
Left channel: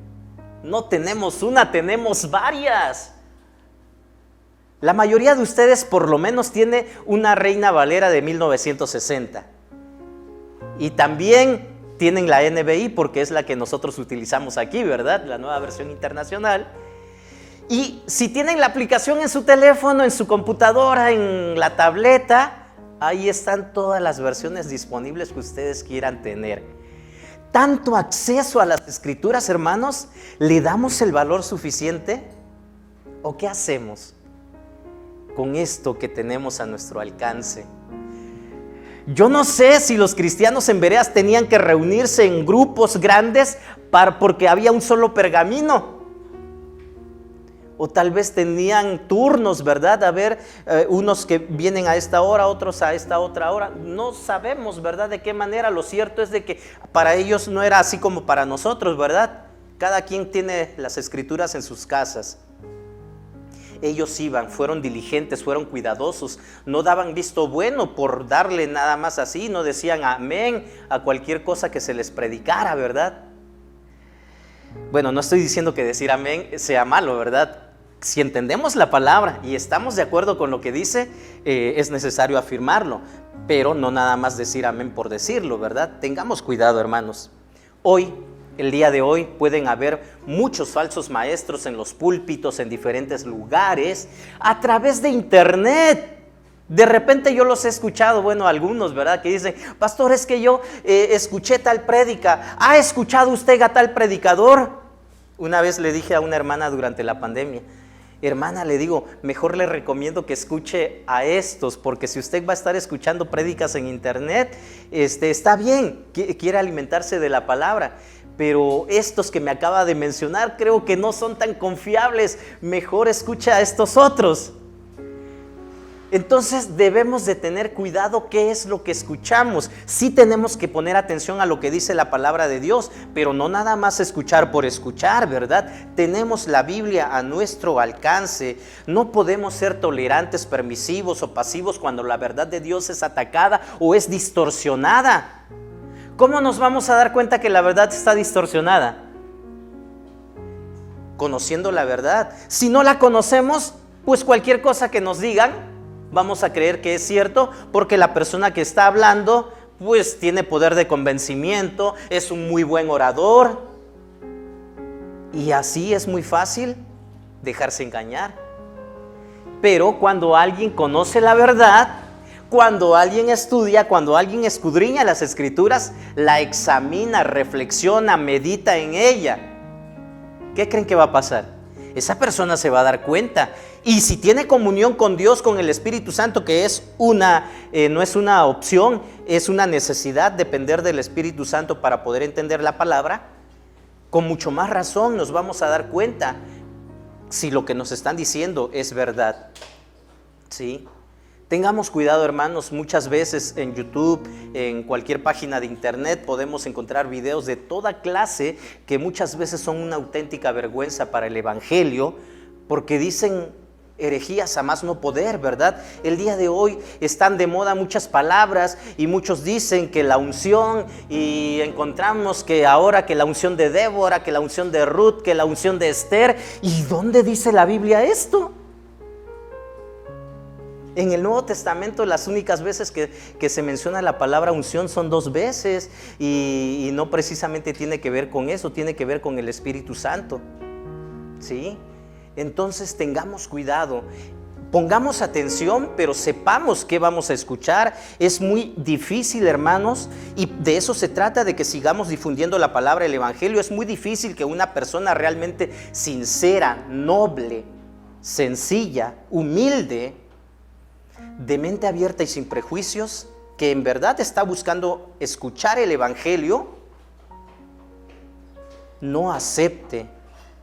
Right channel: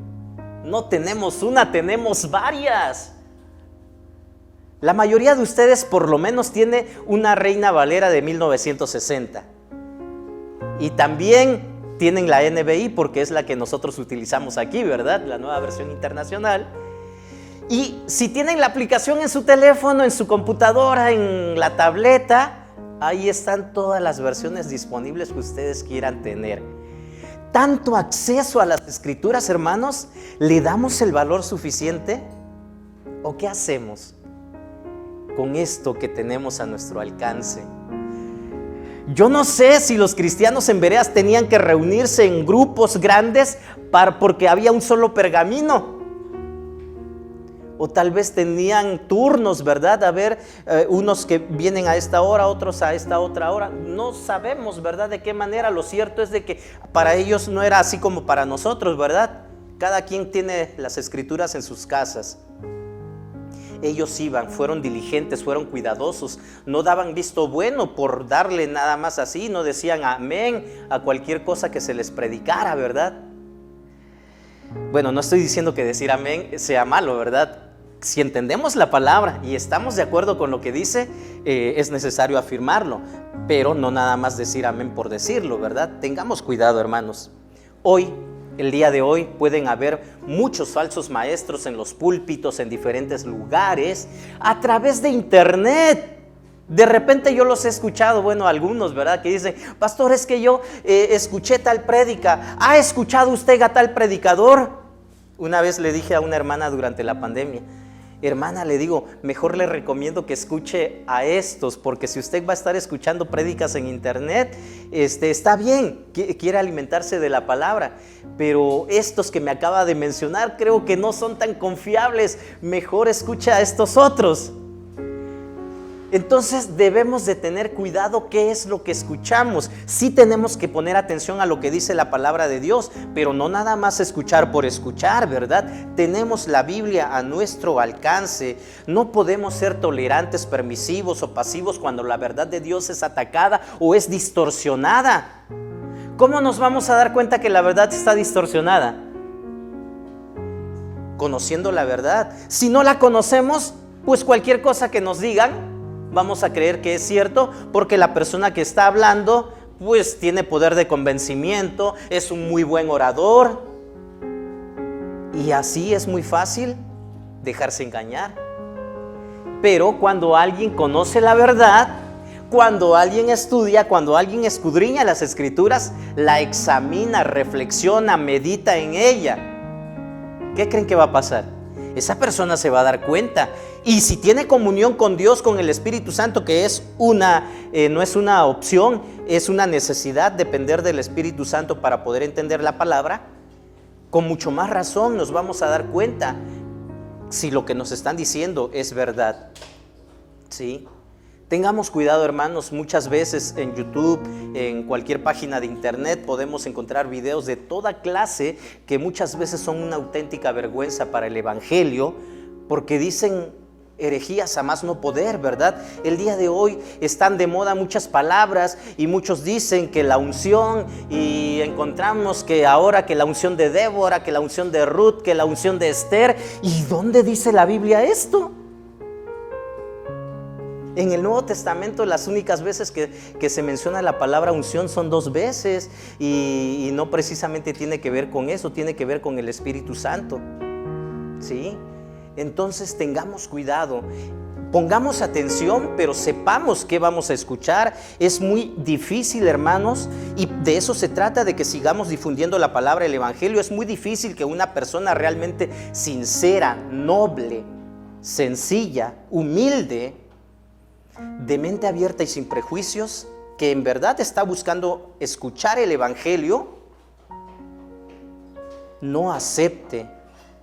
No tenemos una, tenemos varias. La mayoría de ustedes por lo menos tiene una Reina Valera de 1960. Y también tienen la NBI, porque es la que nosotros utilizamos aquí, ¿verdad? La nueva versión internacional. Y si tienen la aplicación en su teléfono, en su computadora, en la tableta, ahí están todas las versiones disponibles que ustedes quieran tener. Tanto acceso a las escrituras, hermanos, ¿le damos el valor suficiente? ¿O qué hacemos con esto que tenemos a nuestro alcance? Yo no sé si los cristianos en Bereas tenían que reunirse en grupos grandes porque había un solo pergamino. O tal vez tenían turnos, ¿verdad? A ver, unos que vienen a esta hora, otros a esta otra hora. No sabemos, ¿verdad?, de qué manera. Lo cierto es de que para ellos no era así como para nosotros, ¿verdad? Cada quien tiene las escrituras en sus casas. Ellos iban, fueron diligentes, fueron cuidadosos, no daban visto bueno por darle nada más así, no decían amén a cualquier cosa que se les predicara, ¿verdad? Bueno, no estoy diciendo que decir amén sea malo, ¿verdad? si entendemos la palabra y estamos de acuerdo con lo que dice, es necesario afirmarlo, pero no nada más decir amén por decirlo, ¿verdad? Tengamos cuidado, hermanos. Hoy, el día de hoy, pueden haber muchos falsos maestros en los púlpitos, en diferentes lugares, a través de internet. De repente yo los he escuchado, bueno, algunos, ¿verdad? Que dicen, pastor, es que yo escuché tal prédica. ¿Ha escuchado usted a tal predicador? Una vez le dije a una hermana durante la pandemia, hermana, le digo, mejor le recomiendo que escuche a estos, porque si usted va a estar escuchando prédicas en internet, está bien, quiere alimentarse de la palabra, pero estos que me acaba de mencionar creo que no son tan confiables, mejor escucha a estos otros. Entonces debemos de tener cuidado qué es lo que escuchamos. Sí tenemos que poner atención a lo que dice la palabra de Dios, pero no nada más escuchar por escuchar, ¿verdad? Tenemos la Biblia a nuestro alcance. No podemos ser tolerantes, permisivos o pasivos cuando la verdad de Dios es atacada o es distorsionada. ¿Cómo nos vamos a dar cuenta que la verdad está distorsionada? Conociendo la verdad. Si no la conocemos, pues cualquier cosa que nos digan vamos a creer que es cierto, porque la persona que está hablando pues tiene poder de convencimiento, es un muy buen orador, y así es muy fácil dejarse engañar. Pero cuando alguien conoce la verdad, cuando alguien estudia, cuando alguien escudriña las escrituras, la examina, reflexiona, medita en ella, ¿qué creen que va a pasar? Esa persona se va a dar cuenta. Y si tiene comunión con Dios, con el Espíritu Santo, que es no es una opción, es una necesidad, depender del Espíritu Santo para poder entender la palabra, con mucho más razón nos vamos a dar cuenta si lo que nos están diciendo es verdad. ¿Sí? Tengamos cuidado, hermanos. Muchas veces en YouTube, en cualquier página de internet, podemos encontrar videos de toda clase que muchas veces son una auténtica vergüenza para el evangelio, porque dicen herejías a más no poder, ¿verdad? El día de hoy están de moda muchas palabras y muchos dicen que la unción, y encontramos que ahora que la unción de Débora, que la unción de Ruth, que la unción de Esther. ¿Y dónde dice la Biblia esto? En el Nuevo Testamento las únicas veces que se menciona la palabra unción son 2 veces, y no precisamente tiene que ver con eso, tiene que ver con el Espíritu Santo. ¿Sí? Entonces tengamos cuidado, pongamos atención, pero sepamos qué vamos a escuchar. Es muy difícil, hermanos, y de eso se trata, de que sigamos difundiendo la palabra, el evangelio. Es muy difícil que una persona realmente sincera, noble, sencilla, humilde, de mente abierta y sin prejuicios, que en verdad está buscando escuchar el evangelio, no acepte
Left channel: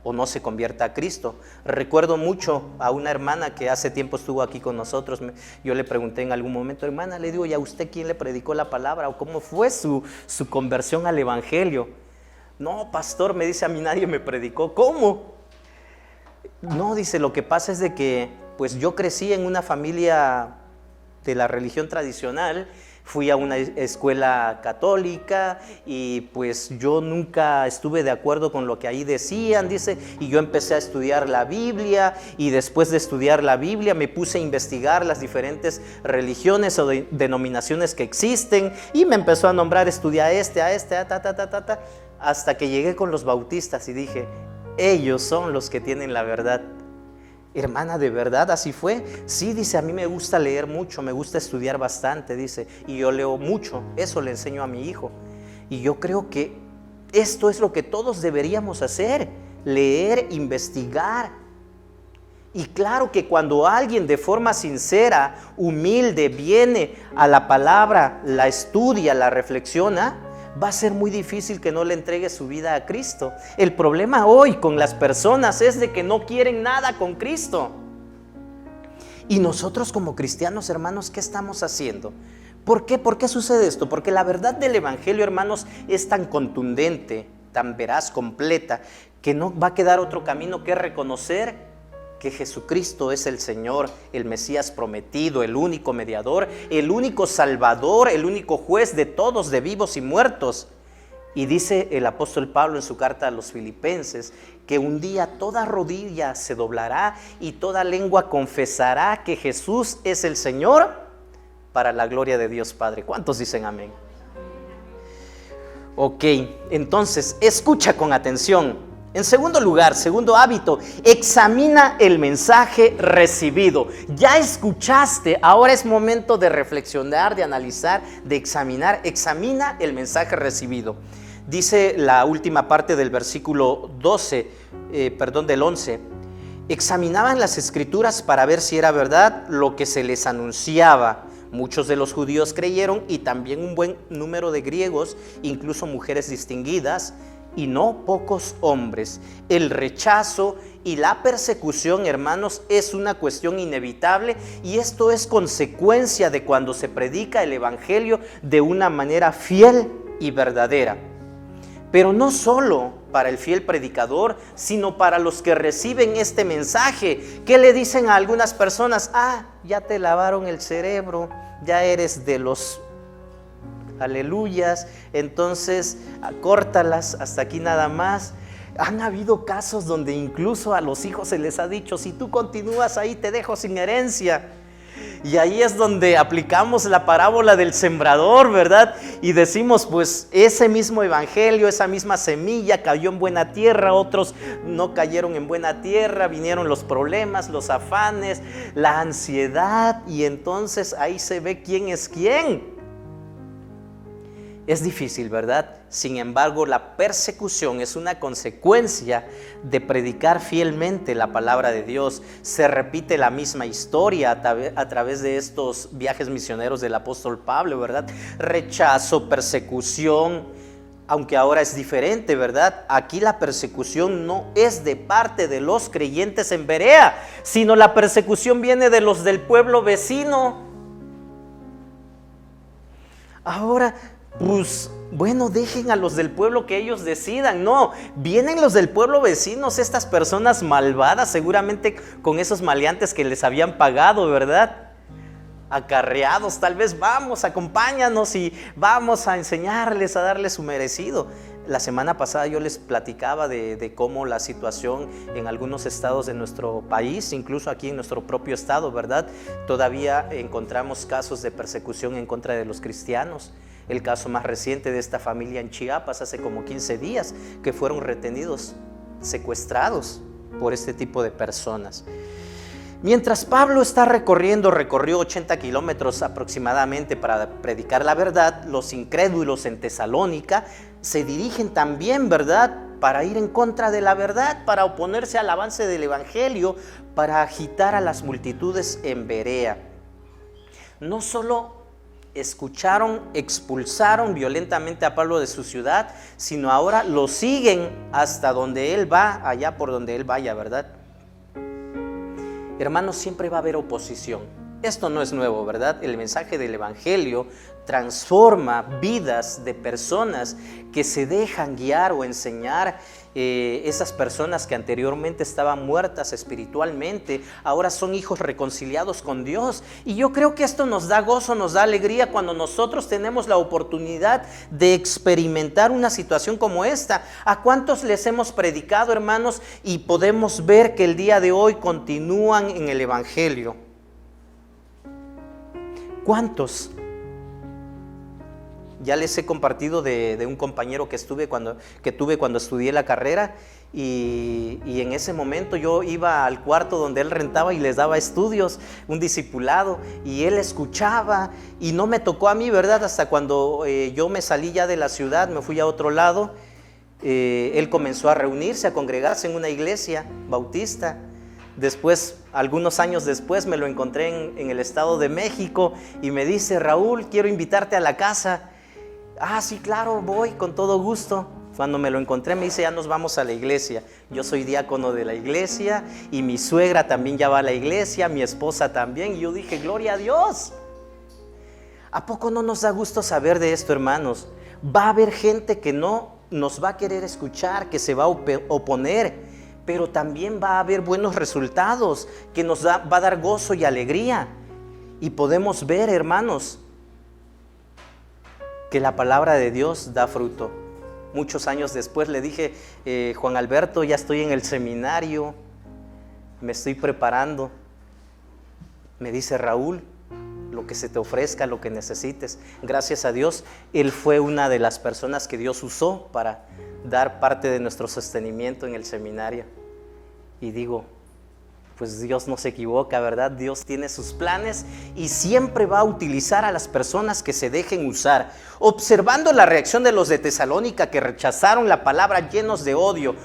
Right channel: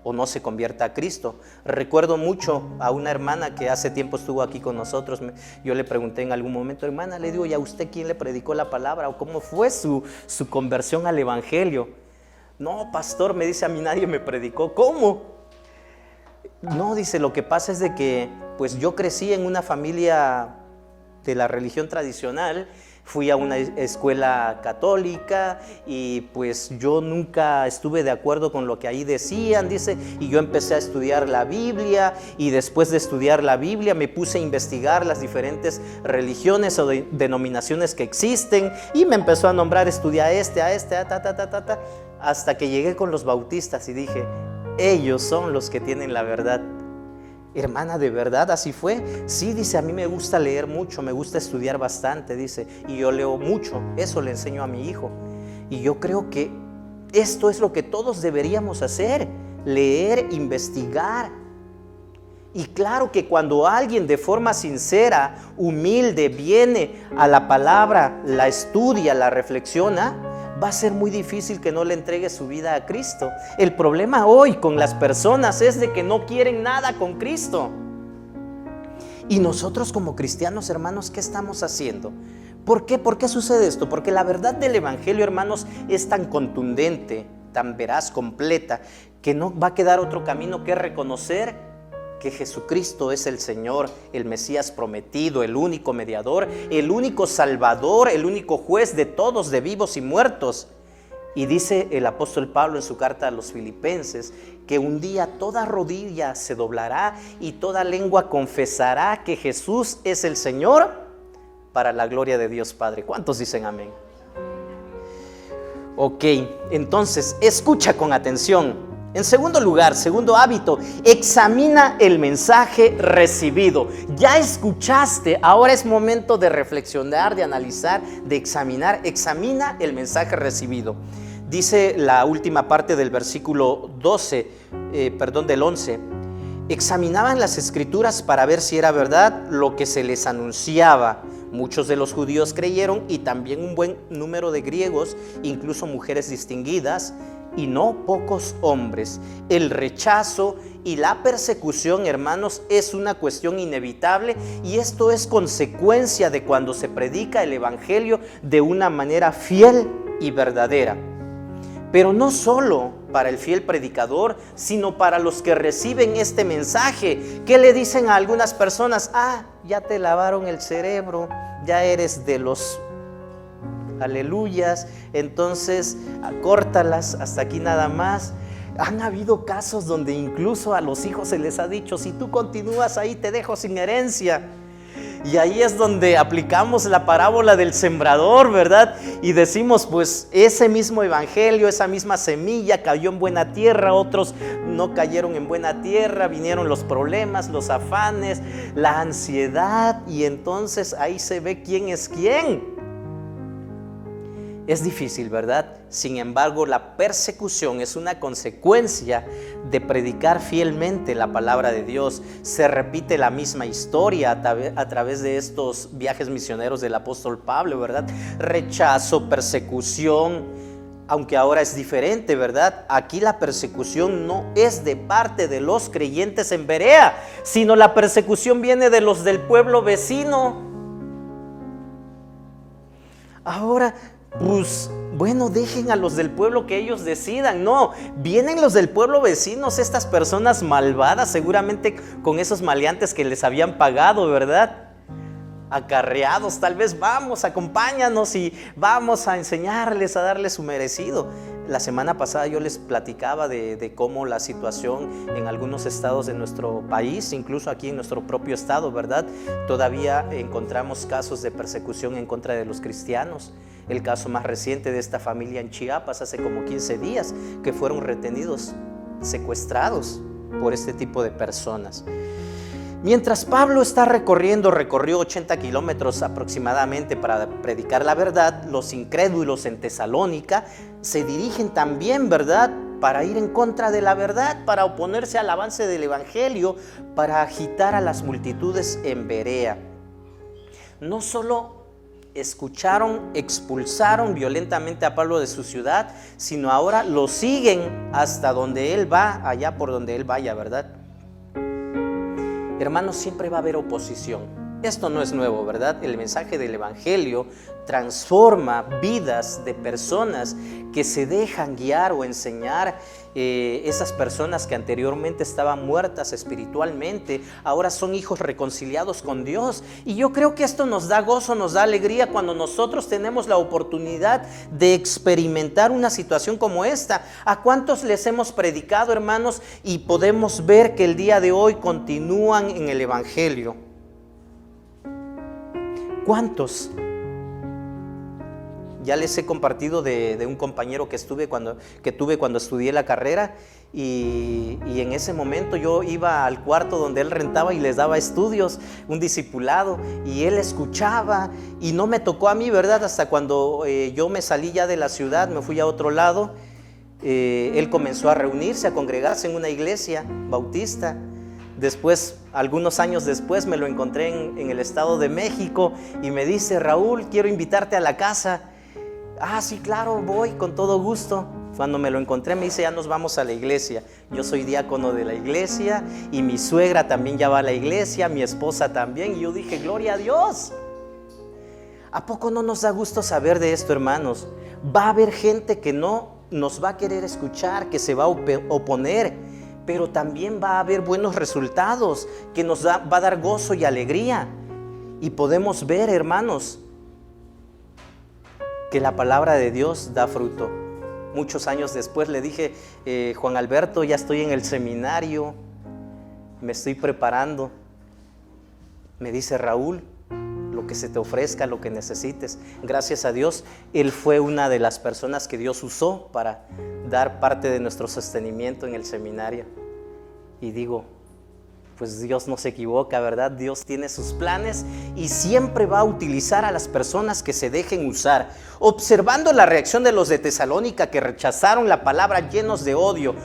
o no se convierta a Cristo. Recuerdo mucho a una hermana que hace tiempo estuvo aquí con nosotros. Yo le pregunté en algún momento, hermana, le digo, ¿y a usted quién le predicó la palabra? ¿O cómo fue su conversión al evangelio? No, pastor, me dice, a mí nadie me predicó. ¿Cómo? No, dice, lo que pasa es de que pues yo crecí en una familia de la religión tradicional, fui a una escuela católica y pues yo nunca estuve de acuerdo con lo que ahí decían, dice, y yo empecé a estudiar la Biblia, y después de estudiar la Biblia me puse a investigar las diferentes religiones o denominaciones que existen, y me empezó a nombrar, estudia hasta que llegué con los bautistas y dije, ellos son los que tienen la verdad. Hermana, ¿de verdad así fue? Sí, dice, a mí me gusta leer mucho, me gusta estudiar bastante, dice, y yo leo mucho, eso le enseño a mi hijo. Y yo creo que esto es lo que todos deberíamos hacer, leer, investigar. Y claro que cuando alguien de forma sincera, humilde, viene a la palabra, la estudia, la reflexiona, va a ser muy difícil que no le entregue su vida a Cristo. El problema hoy con las personas es de que no quieren nada con Cristo. Y nosotros como cristianos, hermanos, ¿qué estamos haciendo? ¿Por qué? ¿Por qué sucede esto? Porque la verdad del evangelio, hermanos, es tan contundente, tan veraz, completa, que no va a quedar otro camino que reconocer que Jesucristo es el Señor, el Mesías prometido, el único mediador, el único Salvador, el único juez de todos, de vivos y muertos. Y dice el apóstol Pablo en su carta a los Filipenses que un día toda rodilla se doblará y toda lengua confesará que Jesús es el Señor, para la gloria de Dios Padre. ¿Cuántos dicen amén? Ok, entonces escucha con atención. En segundo lugar, segundo hábito, examina el mensaje recibido. Ya escuchaste, ahora es momento de reflexionar, de analizar, de examinar. Examina el mensaje recibido. Dice la última parte del versículo del 11. Examinaban las escrituras para ver si era verdad lo que se les anunciaba. Muchos de los judíos creyeron y también un buen número de griegos, incluso mujeres distinguidas, y no pocos hombres. El rechazo y la persecución, hermanos, es una cuestión inevitable, y esto es consecuencia de cuando se predica el evangelio de una manera fiel y verdadera. Pero no solo para el fiel predicador, sino para los que reciben este mensaje, que le dicen a algunas personas: ya te lavaron el cerebro, ya eres de los aleluyas, entonces córtalas, hasta aquí nada más. Han habido casos donde incluso a los hijos se les ha dicho: si tú continúas ahí te dejo sin herencia. Y ahí es donde aplicamos la parábola del sembrador, ¿verdad? Y decimos, pues ese mismo evangelio, esa misma semilla cayó en buena tierra, otros no cayeron en buena tierra, vinieron los problemas, los afanes, la ansiedad, y entonces ahí se ve quién es quién. Es difícil, ¿verdad? Sin embargo, la persecución es una consecuencia de predicar fielmente la palabra de Dios. Se repite la misma historia a través de estos viajes misioneros del apóstol Pablo, ¿verdad? Rechazo, persecución, aunque ahora es diferente, ¿verdad? Aquí la persecución no es de parte de los creyentes en Berea, sino la persecución viene de los del pueblo vecino. Ahora, pues bueno, dejen a los del pueblo que ellos decidan. No, vienen los del pueblo vecinos, estas personas malvadas, seguramente con esos maleantes que les habían pagado, ¿verdad? Acarreados, tal vez: vamos, acompáñanos y vamos a enseñarles, a darles su merecido. La semana pasada yo les platicaba de cómo la situación en algunos estados de nuestro país, incluso aquí en nuestro propio estado, ¿verdad? Todavía encontramos casos de persecución en contra de los cristianos. El caso más reciente de esta familia en Chiapas, hace como 15 días, que fueron retenidos, secuestrados por este tipo de personas. Mientras Pablo recorrió 80 kilómetros aproximadamente para predicar la verdad, los incrédulos en Tesalónica se dirigen también, ¿verdad?, para ir en contra de la verdad, para oponerse al avance del evangelio, para agitar a las multitudes en Berea. No solo escucharon, expulsaron violentamente a Pablo de su ciudad, sino ahora lo siguen hasta donde él va, allá por donde él vaya, ¿verdad? Hermanos, siempre va a haber oposición. Esto no es nuevo, ¿verdad? El mensaje del evangelio transforma vidas de personas que se dejan guiar o enseñar. Esas personas que anteriormente estaban muertas espiritualmente, ahora son hijos reconciliados con Dios. Y yo creo que esto nos da gozo, nos da alegría cuando nosotros tenemos la oportunidad de experimentar una situación como esta. ¿A cuántos les hemos predicado, hermanos? Y podemos ver que el día de hoy continúan en el evangelio. ¿Cuántos? Ya les he compartido de un compañero que tuve cuando estudié la carrera, y en ese momento yo iba al cuarto donde él rentaba y les daba estudios, un discipulado, y él escuchaba, y no me tocó a mí, ¿verdad? Hasta cuando yo me salí ya de la ciudad, me fui a otro lado, él comenzó a reunirse, a congregarse en una iglesia bautista. Después, algunos años después, me lo encontré en el Estado de México y me dice: Raúl, quiero invitarte a la casa. Sí, claro, voy con todo gusto. Cuando me lo encontré me dice: ya nos vamos a la iglesia. Yo soy diácono de la iglesia y mi suegra también ya va a la iglesia, mi esposa también. Y yo dije: gloria a Dios. ¿A poco no nos da gusto saber de esto, hermanos? Va a haber gente que no nos va a querer escuchar, que se va a oponer, pero también va a haber buenos resultados, que nos va a dar gozo y alegría. Y podemos ver, hermanos, que la palabra de Dios da fruto. muchos años después le dije, Juan Alberto, ya estoy en el seminario, me estoy preparando. Me dice, Raúl, lo que se te ofrezca, lo que necesites. Gracias a Dios, él fue una de las personas que Dios usó para dar parte de nuestro sostenimiento en el seminario. Y digo, pues Dios no se equivoca, ¿verdad? Dios tiene sus planes y siempre va a utilizar a las personas que se dejen usar. Observando la reacción de los de Tesalónica, que rechazaron la palabra llenos de odio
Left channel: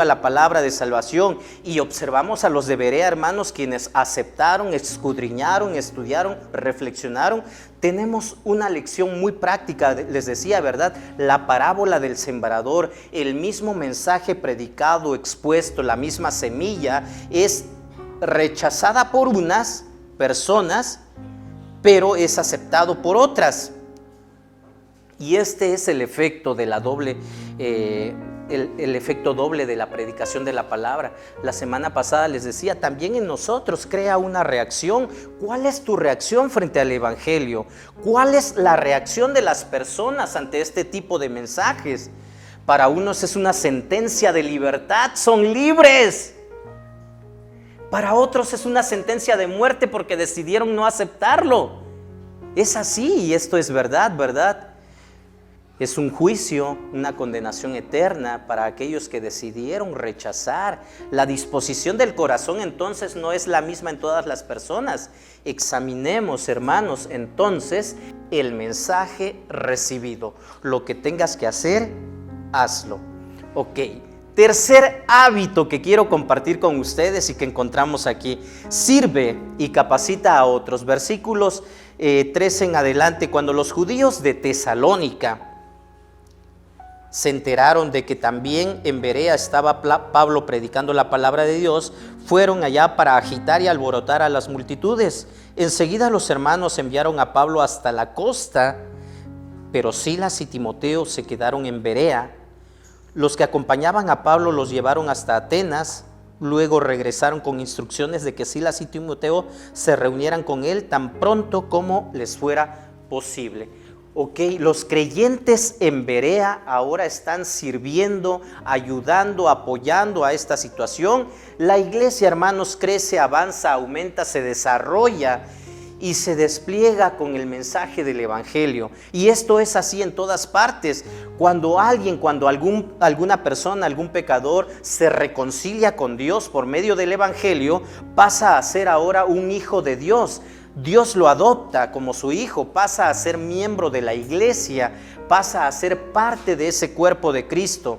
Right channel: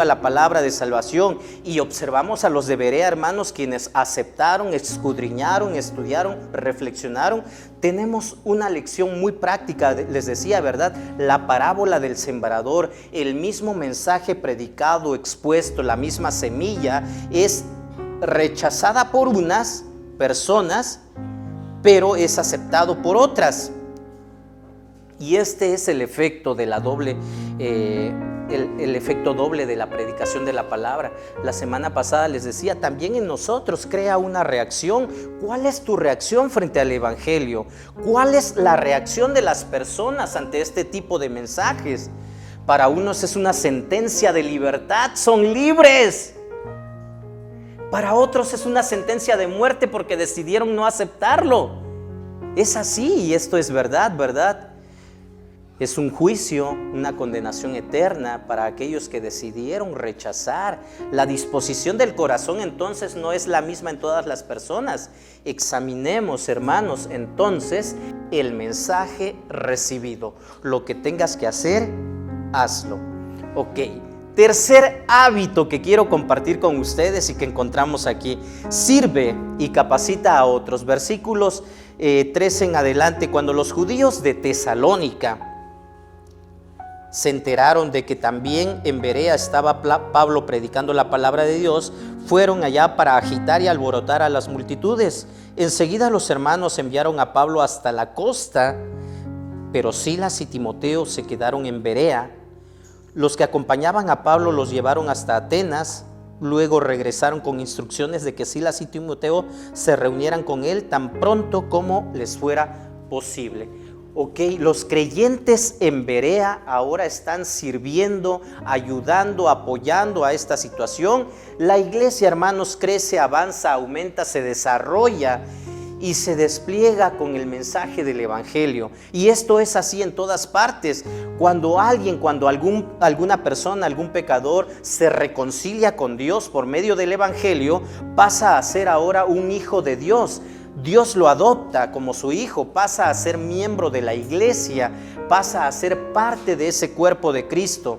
a la palabra de salvación, y observamos a los de Berea, hermanos, quienes aceptaron, escudriñaron, estudiaron, reflexionaron, tenemos una lección muy práctica. Les decía, ¿verdad? La parábola del sembrador, el mismo mensaje predicado, expuesto, la misma semilla, es rechazada por unas personas, pero es aceptado por otras. Y este es el efecto de la doble, el efecto doble de la predicación de la palabra. La semana pasada les decía, también en nosotros crea una reacción. ¿Cuál es tu reacción frente al evangelio? ¿Cuál es la reacción de las personas ante este tipo de mensajes? Para unos es una sentencia de libertad, son libres. Para otros es una sentencia de muerte porque decidieron no aceptarlo. Es así, y esto es verdad, ¿verdad? Es un juicio, una condenación eterna para aquellos que decidieron rechazar. La disposición del corazón entonces no es la misma en todas las personas. Examinemos, hermanos, entonces el mensaje recibido. Lo que tengas que hacer, hazlo. Ok. Tercer hábito que quiero compartir con ustedes y que encontramos aquí: sirve y capacita a otros. Versículos 13 en adelante. Cuando los judíos de Tesalónica se enteraron de que también en Berea estaba Pablo predicando la palabra de Dios, fueron allá para agitar y alborotar a las multitudes. Enseguida los hermanos enviaron a Pablo hasta la costa, pero Silas y Timoteo se quedaron en Berea. Los que acompañaban a Pablo los llevaron hasta Atenas. Luego regresaron con instrucciones de que Silas y Timoteo se reunieran con él tan pronto como les fuera posible. Ok, los creyentes en Berea ahora están sirviendo, ayudando, apoyando a esta situación. La iglesia, hermanos, crece, avanza, aumenta, se desarrolla y se despliega con el mensaje del evangelio. Y esto es así en todas partes. Cuando alguna persona, algún pecador se reconcilia con Dios por medio del evangelio, pasa a ser ahora un hijo de Dios. Dios lo adopta como su hijo, pasa a ser miembro de la iglesia, pasa a ser parte de ese cuerpo de Cristo.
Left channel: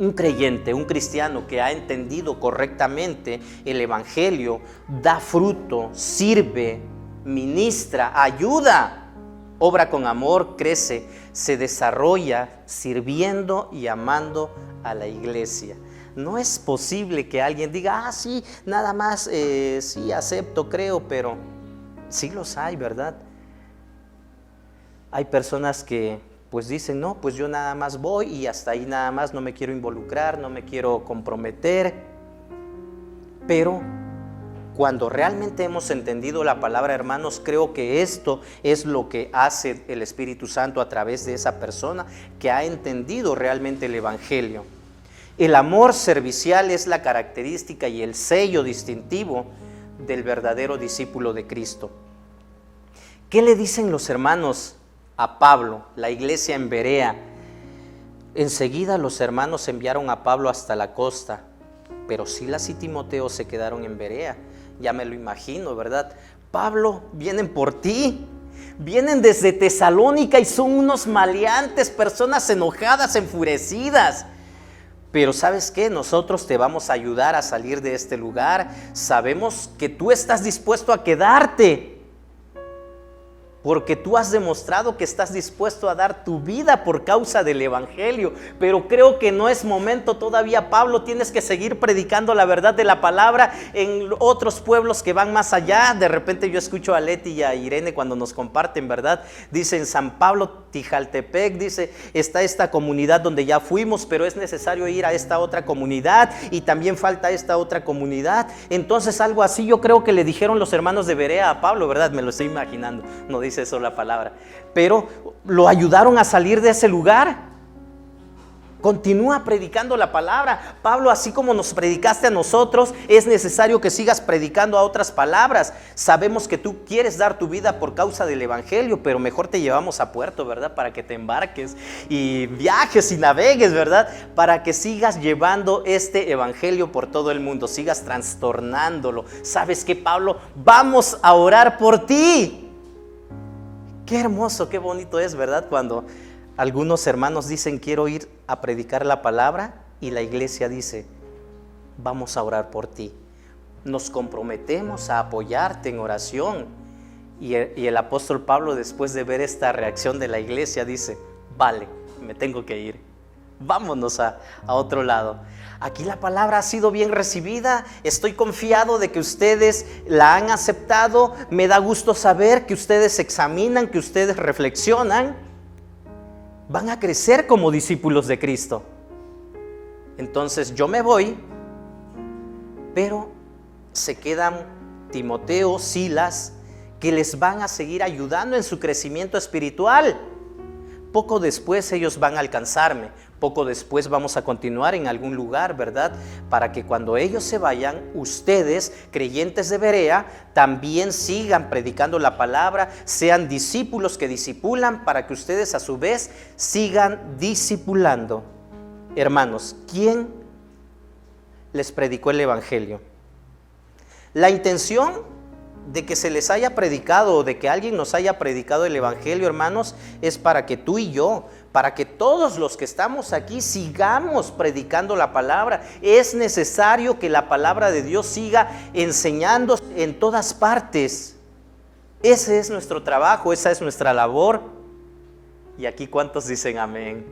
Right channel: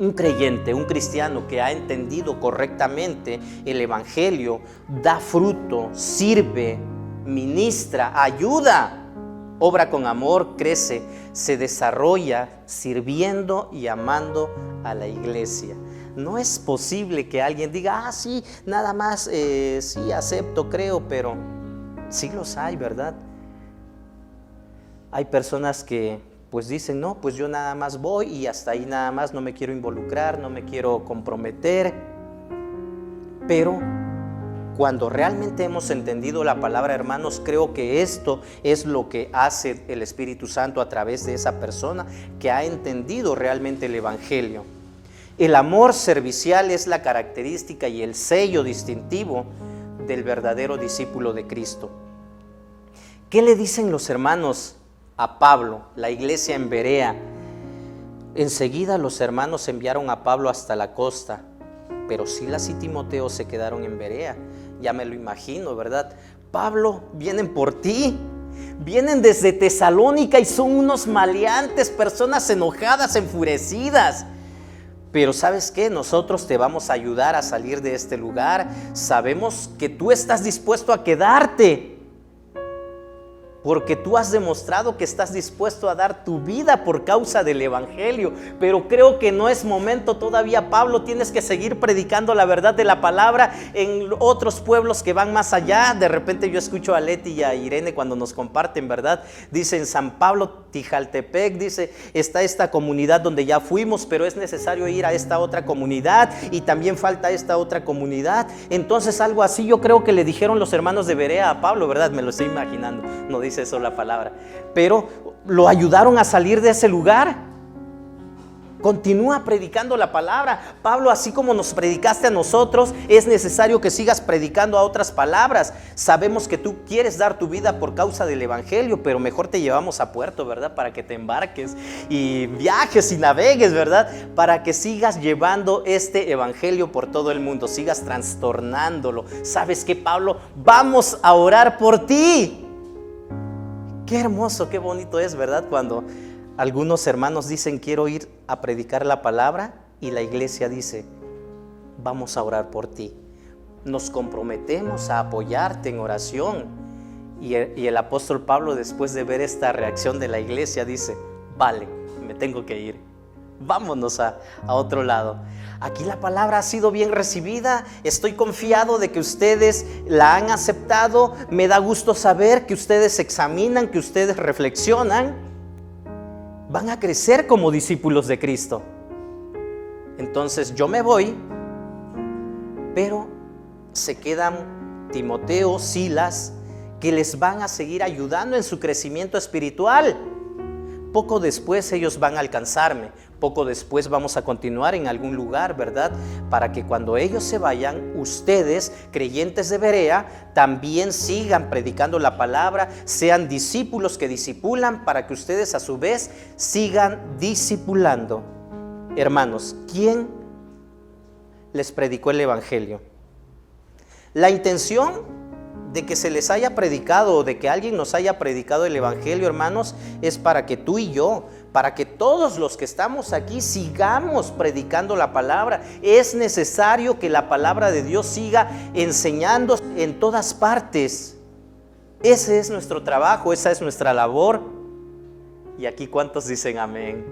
Un creyente, un cristiano que ha entendido correctamente el evangelio, da fruto, sirve, ministra, ayuda, obra con amor, crece, se desarrolla sirviendo y amando a la iglesia. No es posible que alguien diga, sí, nada más, sí, acepto, creo, pero sí los hay, ¿verdad? Hay personas que pues dicen, no, pues yo nada más voy y hasta ahí nada más, no me quiero involucrar, no me quiero comprometer. Pero cuando realmente hemos entendido la palabra, hermanos, creo que esto es lo que hace el Espíritu Santo a través de esa persona que ha entendido realmente el evangelio. El amor servicial es la característica y el sello distintivo del verdadero discípulo de Cristo. ¿Qué le dicen los hermanos a Pablo, la iglesia en Berea? Enseguida los hermanos enviaron a Pablo hasta la costa, pero Silas y Timoteo se quedaron en Berea. Ya me lo imagino, ¿verdad? Pablo, vienen por ti, vienen desde Tesalónica y son unos maleantes, personas enojadas, enfurecidas. Pero ¿sabes qué? Nosotros te vamos a ayudar a salir de este lugar. Sabemos que tú estás dispuesto a quedarte, porque tú has demostrado que estás dispuesto a dar tu vida por causa del evangelio. Pero creo que no es momento todavía, Pablo. Tienes que seguir predicando la verdad de la palabra en otros pueblos que van más allá. De repente yo escucho a Leti y a Irene cuando nos comparten, ¿verdad? Dice en San Pablo, Tijaltepec, dice, está esta comunidad donde ya fuimos, pero es necesario ir a esta otra comunidad y también falta esta otra comunidad. Entonces algo así yo creo que le dijeron los hermanos de Berea a Pablo, ¿verdad? Me lo estoy imaginando, no dice eso la palabra, pero lo ayudaron a salir de ese lugar. Continúa predicando la palabra. Pablo, así como nos predicaste a nosotros, es necesario que sigas predicando a otras palabras. Sabemos que tú quieres dar tu vida por causa del evangelio, pero mejor te llevamos a puerto, ¿verdad? Para que te embarques y viajes y navegues, ¿verdad? Para que sigas llevando este evangelio por todo el mundo, sigas trastornándolo. ¿Sabes qué, Pablo? Vamos a orar por ti. Qué hermoso, qué bonito es, ¿verdad? Cuando algunos hermanos dicen, quiero ir a predicar la palabra, y la iglesia dice, vamos a orar por ti. Nos comprometemos a apoyarte en oración. Y el apóstol Pablo, después de ver esta reacción de la iglesia, dice, vale, me tengo que ir. Vámonos a otro lado. Aquí la palabra ha sido bien recibida. Estoy confiado de que ustedes la han aceptado. Me da gusto saber que ustedes examinan, que ustedes reflexionan. Van a crecer como discípulos de Cristo. Entonces yo me voy, pero se quedan Timoteo, Silas, que les van a seguir ayudando en su crecimiento espiritual. Poco después ellos van a alcanzarme. Poco después vamos a continuar en algún lugar, ¿verdad? Para que cuando ellos se vayan, ustedes, creyentes de Berea, también sigan predicando la palabra, sean discípulos que discipulan, para que ustedes a su vez sigan discipulando. Hermanos, ¿quién les predicó el evangelio? La intención de que se les haya predicado o de que alguien nos haya predicado el evangelio, hermanos, es para que tú y yo, para que todos los que estamos aquí sigamos predicando la palabra. Es necesario que la palabra de Dios siga enseñando en todas partes. Ese es nuestro trabajo, esa es nuestra labor. Y aquí, ¿cuántos dicen amén?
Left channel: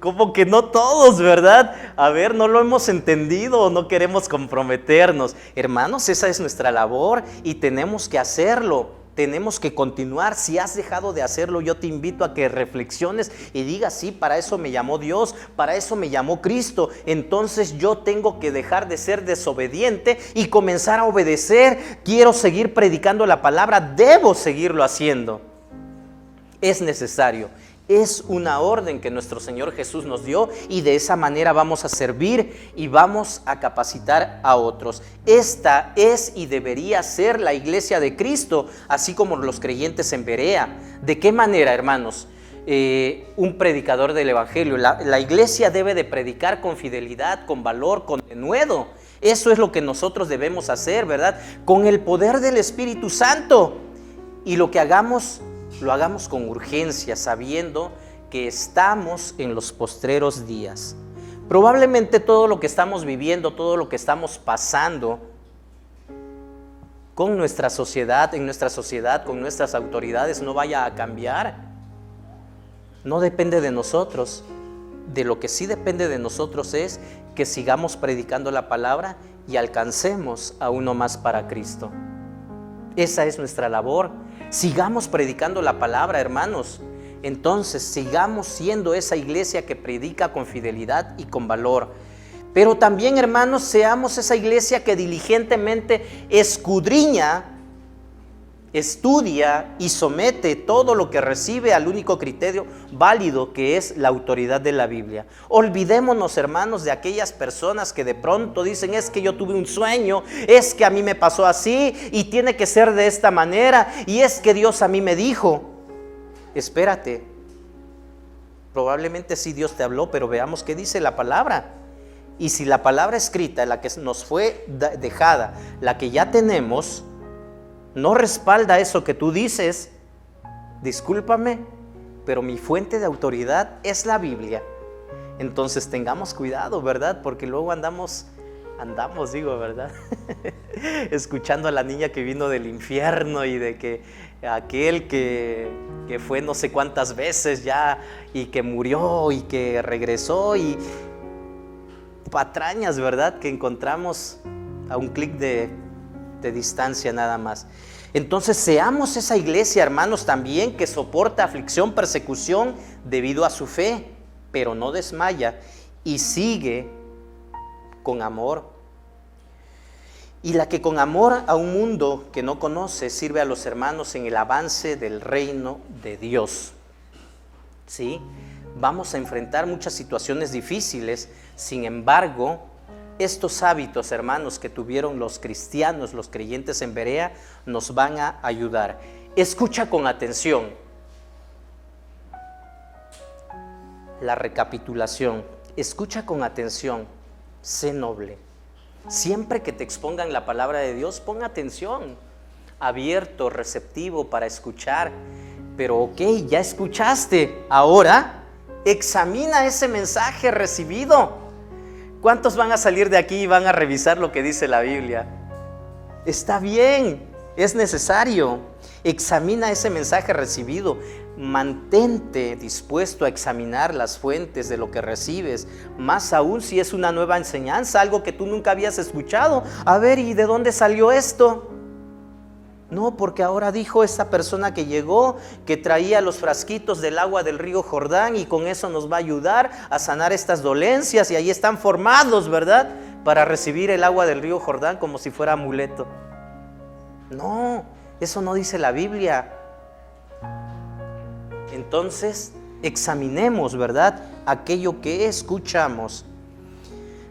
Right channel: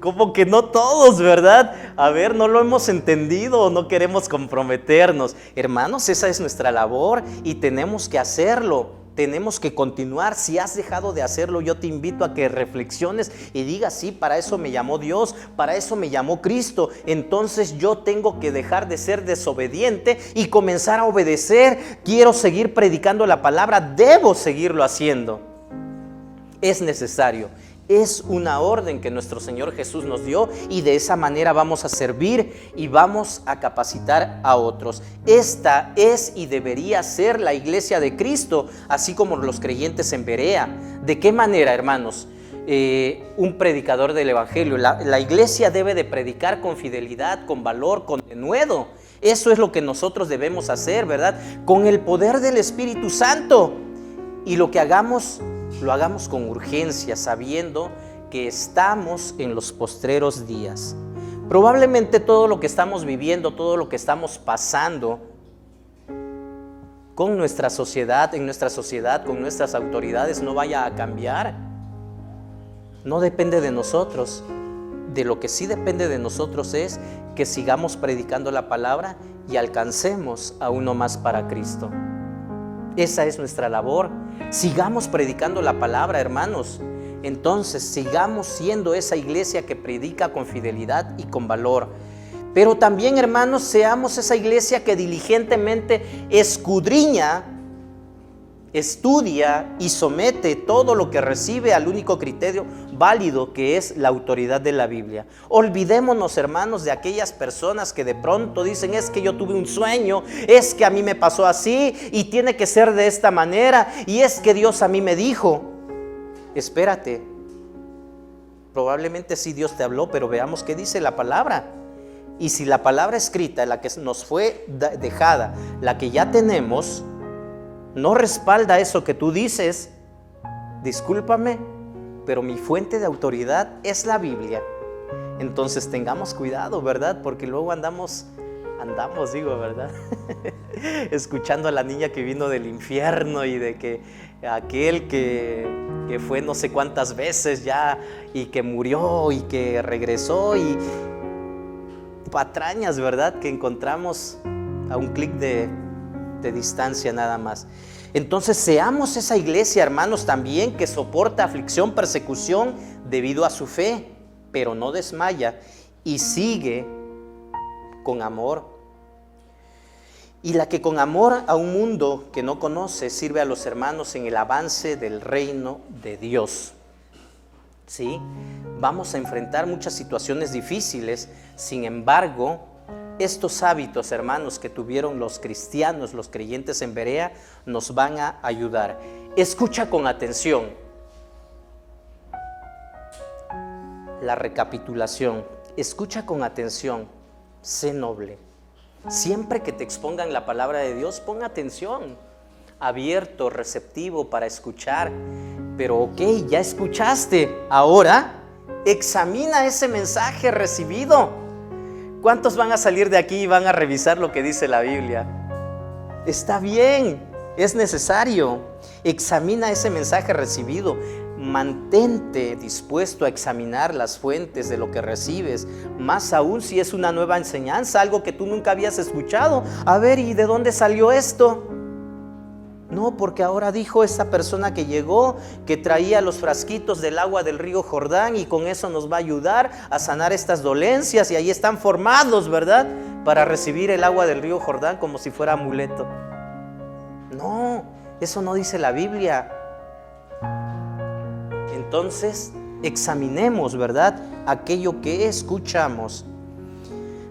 Como que no todos, ¿verdad? A ver, no lo hemos entendido o no queremos comprometernos. Hermanos, esa es nuestra labor y tenemos que hacerlo. Tenemos que continuar. Si has dejado de hacerlo, yo te invito a que reflexiones y digas, sí, para eso me llamó Dios, para eso me llamó Cristo. Entonces yo tengo que dejar de ser desobediente y comenzar a obedecer. Quiero seguir predicando la palabra, debo seguirlo haciendo. Es necesario. Es una orden que nuestro Señor Jesús nos dio, y de esa manera vamos a servir y vamos a capacitar a otros. Esta es y debería ser la iglesia de Cristo, así como los creyentes en Berea. ¿De qué manera, hermanos? Un predicador del evangelio, la iglesia debe de predicar con fidelidad, con valor, con denuedo. Eso es lo que nosotros debemos hacer, ¿verdad? Con el poder del Espíritu Santo. Y lo que hagamos, lo hagamos con urgencia, sabiendo que estamos en los postreros días. Probablemente todo lo que estamos viviendo, todo lo que estamos pasando con nuestra sociedad, en nuestra sociedad, con nuestras autoridades, no vaya a cambiar. No depende de nosotros. De lo que sí depende de nosotros es que sigamos predicando la palabra y alcancemos a uno más para Cristo. Esa es nuestra labor. Sigamos predicando la palabra, hermanos. Entonces sigamos siendo esa iglesia que predica con fidelidad y con valor. Pero también, hermanos, seamos esa iglesia que diligentemente escudriña, estudia y somete todo lo que recibe al único criterio válido, que es la autoridad de la Biblia. Olvidémonos, hermanos, de aquellas personas que de pronto dicen, es que yo tuve un sueño, es que a mí me pasó así y tiene que ser de esta manera, y es que Dios a mí me dijo. Espérate, probablemente sí Dios te habló, pero veamos qué dice la palabra. Y si la palabra escrita, la que nos fue dejada, la que ya tenemos, no respalda eso que tú dices, discúlpame, pero mi fuente de autoridad es la Biblia. Entonces tengamos cuidado, ¿verdad? Porque luego andamos, ¿verdad? Escuchando a la niña que vino del infierno y de que aquel que fue no sé cuántas veces ya y que murió y que regresó, y patrañas, ¿verdad? Que encontramos a un clic de distancia nada más. Entonces seamos esa iglesia, hermanos, también que soporta aflicción, persecución debido a su fe, pero no desmaya y sigue con amor. Y la que con amor a un mundo que no conoce sirve a los hermanos en el avance del reino de Dios. ¿sí? Vamos a enfrentar muchas situaciones difíciles. Sin embargo, estos hábitos, hermanos, que tuvieron los cristianos, los creyentes en Berea, nos van a ayudar. Escucha con atención. La recapitulación. Escucha con atención. Sé noble. Siempre que te expongan la palabra de Dios, pon atención. Abierto, receptivo para escuchar. Pero ok, ya escuchaste. Ahora, examina ese mensaje recibido. ¿Cuántos van a salir de aquí y van a revisar lo que dice la Biblia? Está bien, es necesario. Examina ese mensaje recibido. Mantente dispuesto a examinar las fuentes de lo que recibes, más aún si es una nueva enseñanza, algo que tú nunca habías escuchado. A ver, ¿y de dónde salió esto? No, porque ahora dijo esta persona que llegó que traía los frasquitos del agua del río Jordán y con eso nos va a ayudar a sanar estas dolencias, y ahí están formados, ¿verdad? Para recibir el agua del río Jordán como si fuera amuleto. No, eso no dice la Biblia. Entonces, examinemos, ¿verdad?, aquello que escuchamos.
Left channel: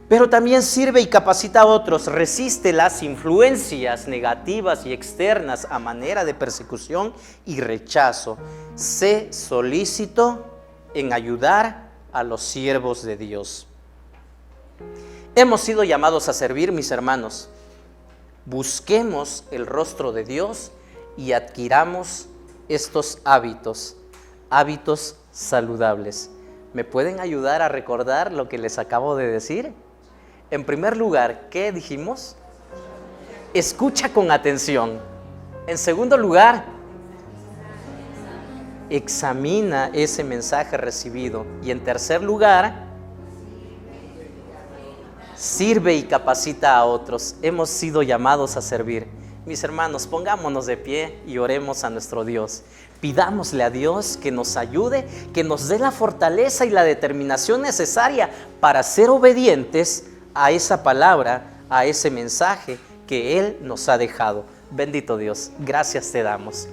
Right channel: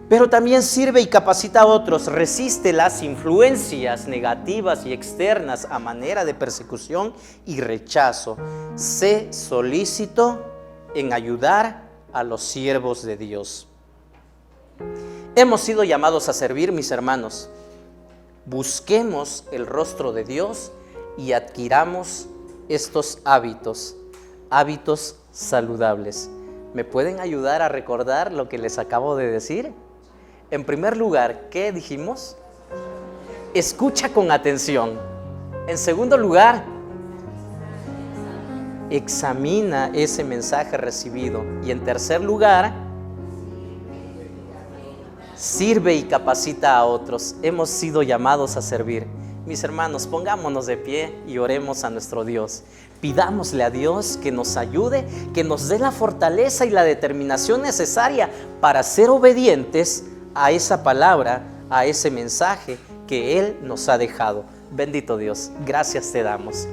Pero también sirve y capacita a otros. Resiste las influencias negativas y externas a manera de persecución y rechazo. Sé solícito en ayudar a los siervos de Dios. Hemos sido llamados a servir, mis hermanos. Busquemos el rostro de Dios y adquiramos estos hábitos saludables. ¿Me pueden ayudar a recordar lo que les acabo de decir? En primer lugar, ¿qué dijimos? Escucha con atención. En segundo lugar, examina ese mensaje recibido. Y en tercer lugar, sirve y capacita a otros. Hemos sido llamados a servir. Mis hermanos, pongámonos de pie y oremos a nuestro Dios. Pidámosle a Dios que nos ayude, que nos dé la fortaleza y la determinación necesaria para ser obedientes a esa palabra, a ese mensaje que Él nos ha dejado. Bendito Dios, gracias te damos.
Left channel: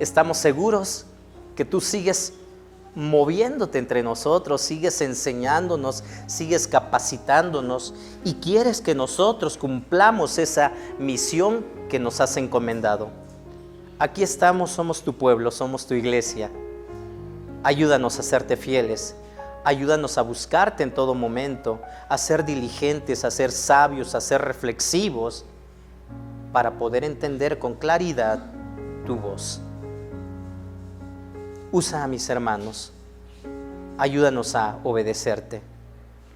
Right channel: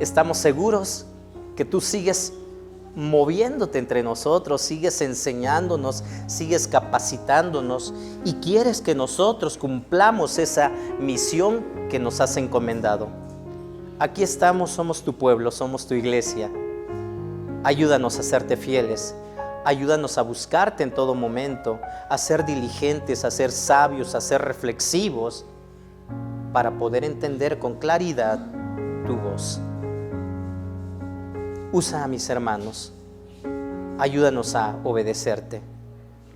Estamos seguros que tú sigues moviéndote entre nosotros, sigues enseñándonos, sigues capacitándonos y quieres que nosotros cumplamos esa misión que nos has encomendado. Aquí estamos, somos tu pueblo, somos tu iglesia. Ayúdanos a serte fieles. Ayúdanos a buscarte en todo momento, a ser diligentes, a ser sabios, a ser reflexivos, para poder entender con claridad tu voz. Usa a mis hermanos, ayúdanos a obedecerte,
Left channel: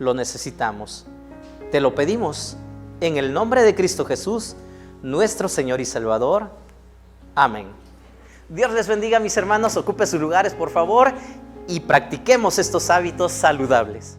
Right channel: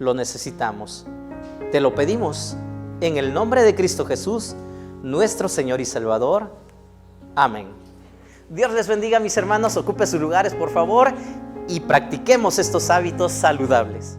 lo necesitamos. Te lo pedimos en el nombre de Cristo Jesús, nuestro Señor y Salvador. Amén. Dios les bendiga, mis hermanos, ocupe sus lugares por favor y practiquemos estos hábitos saludables.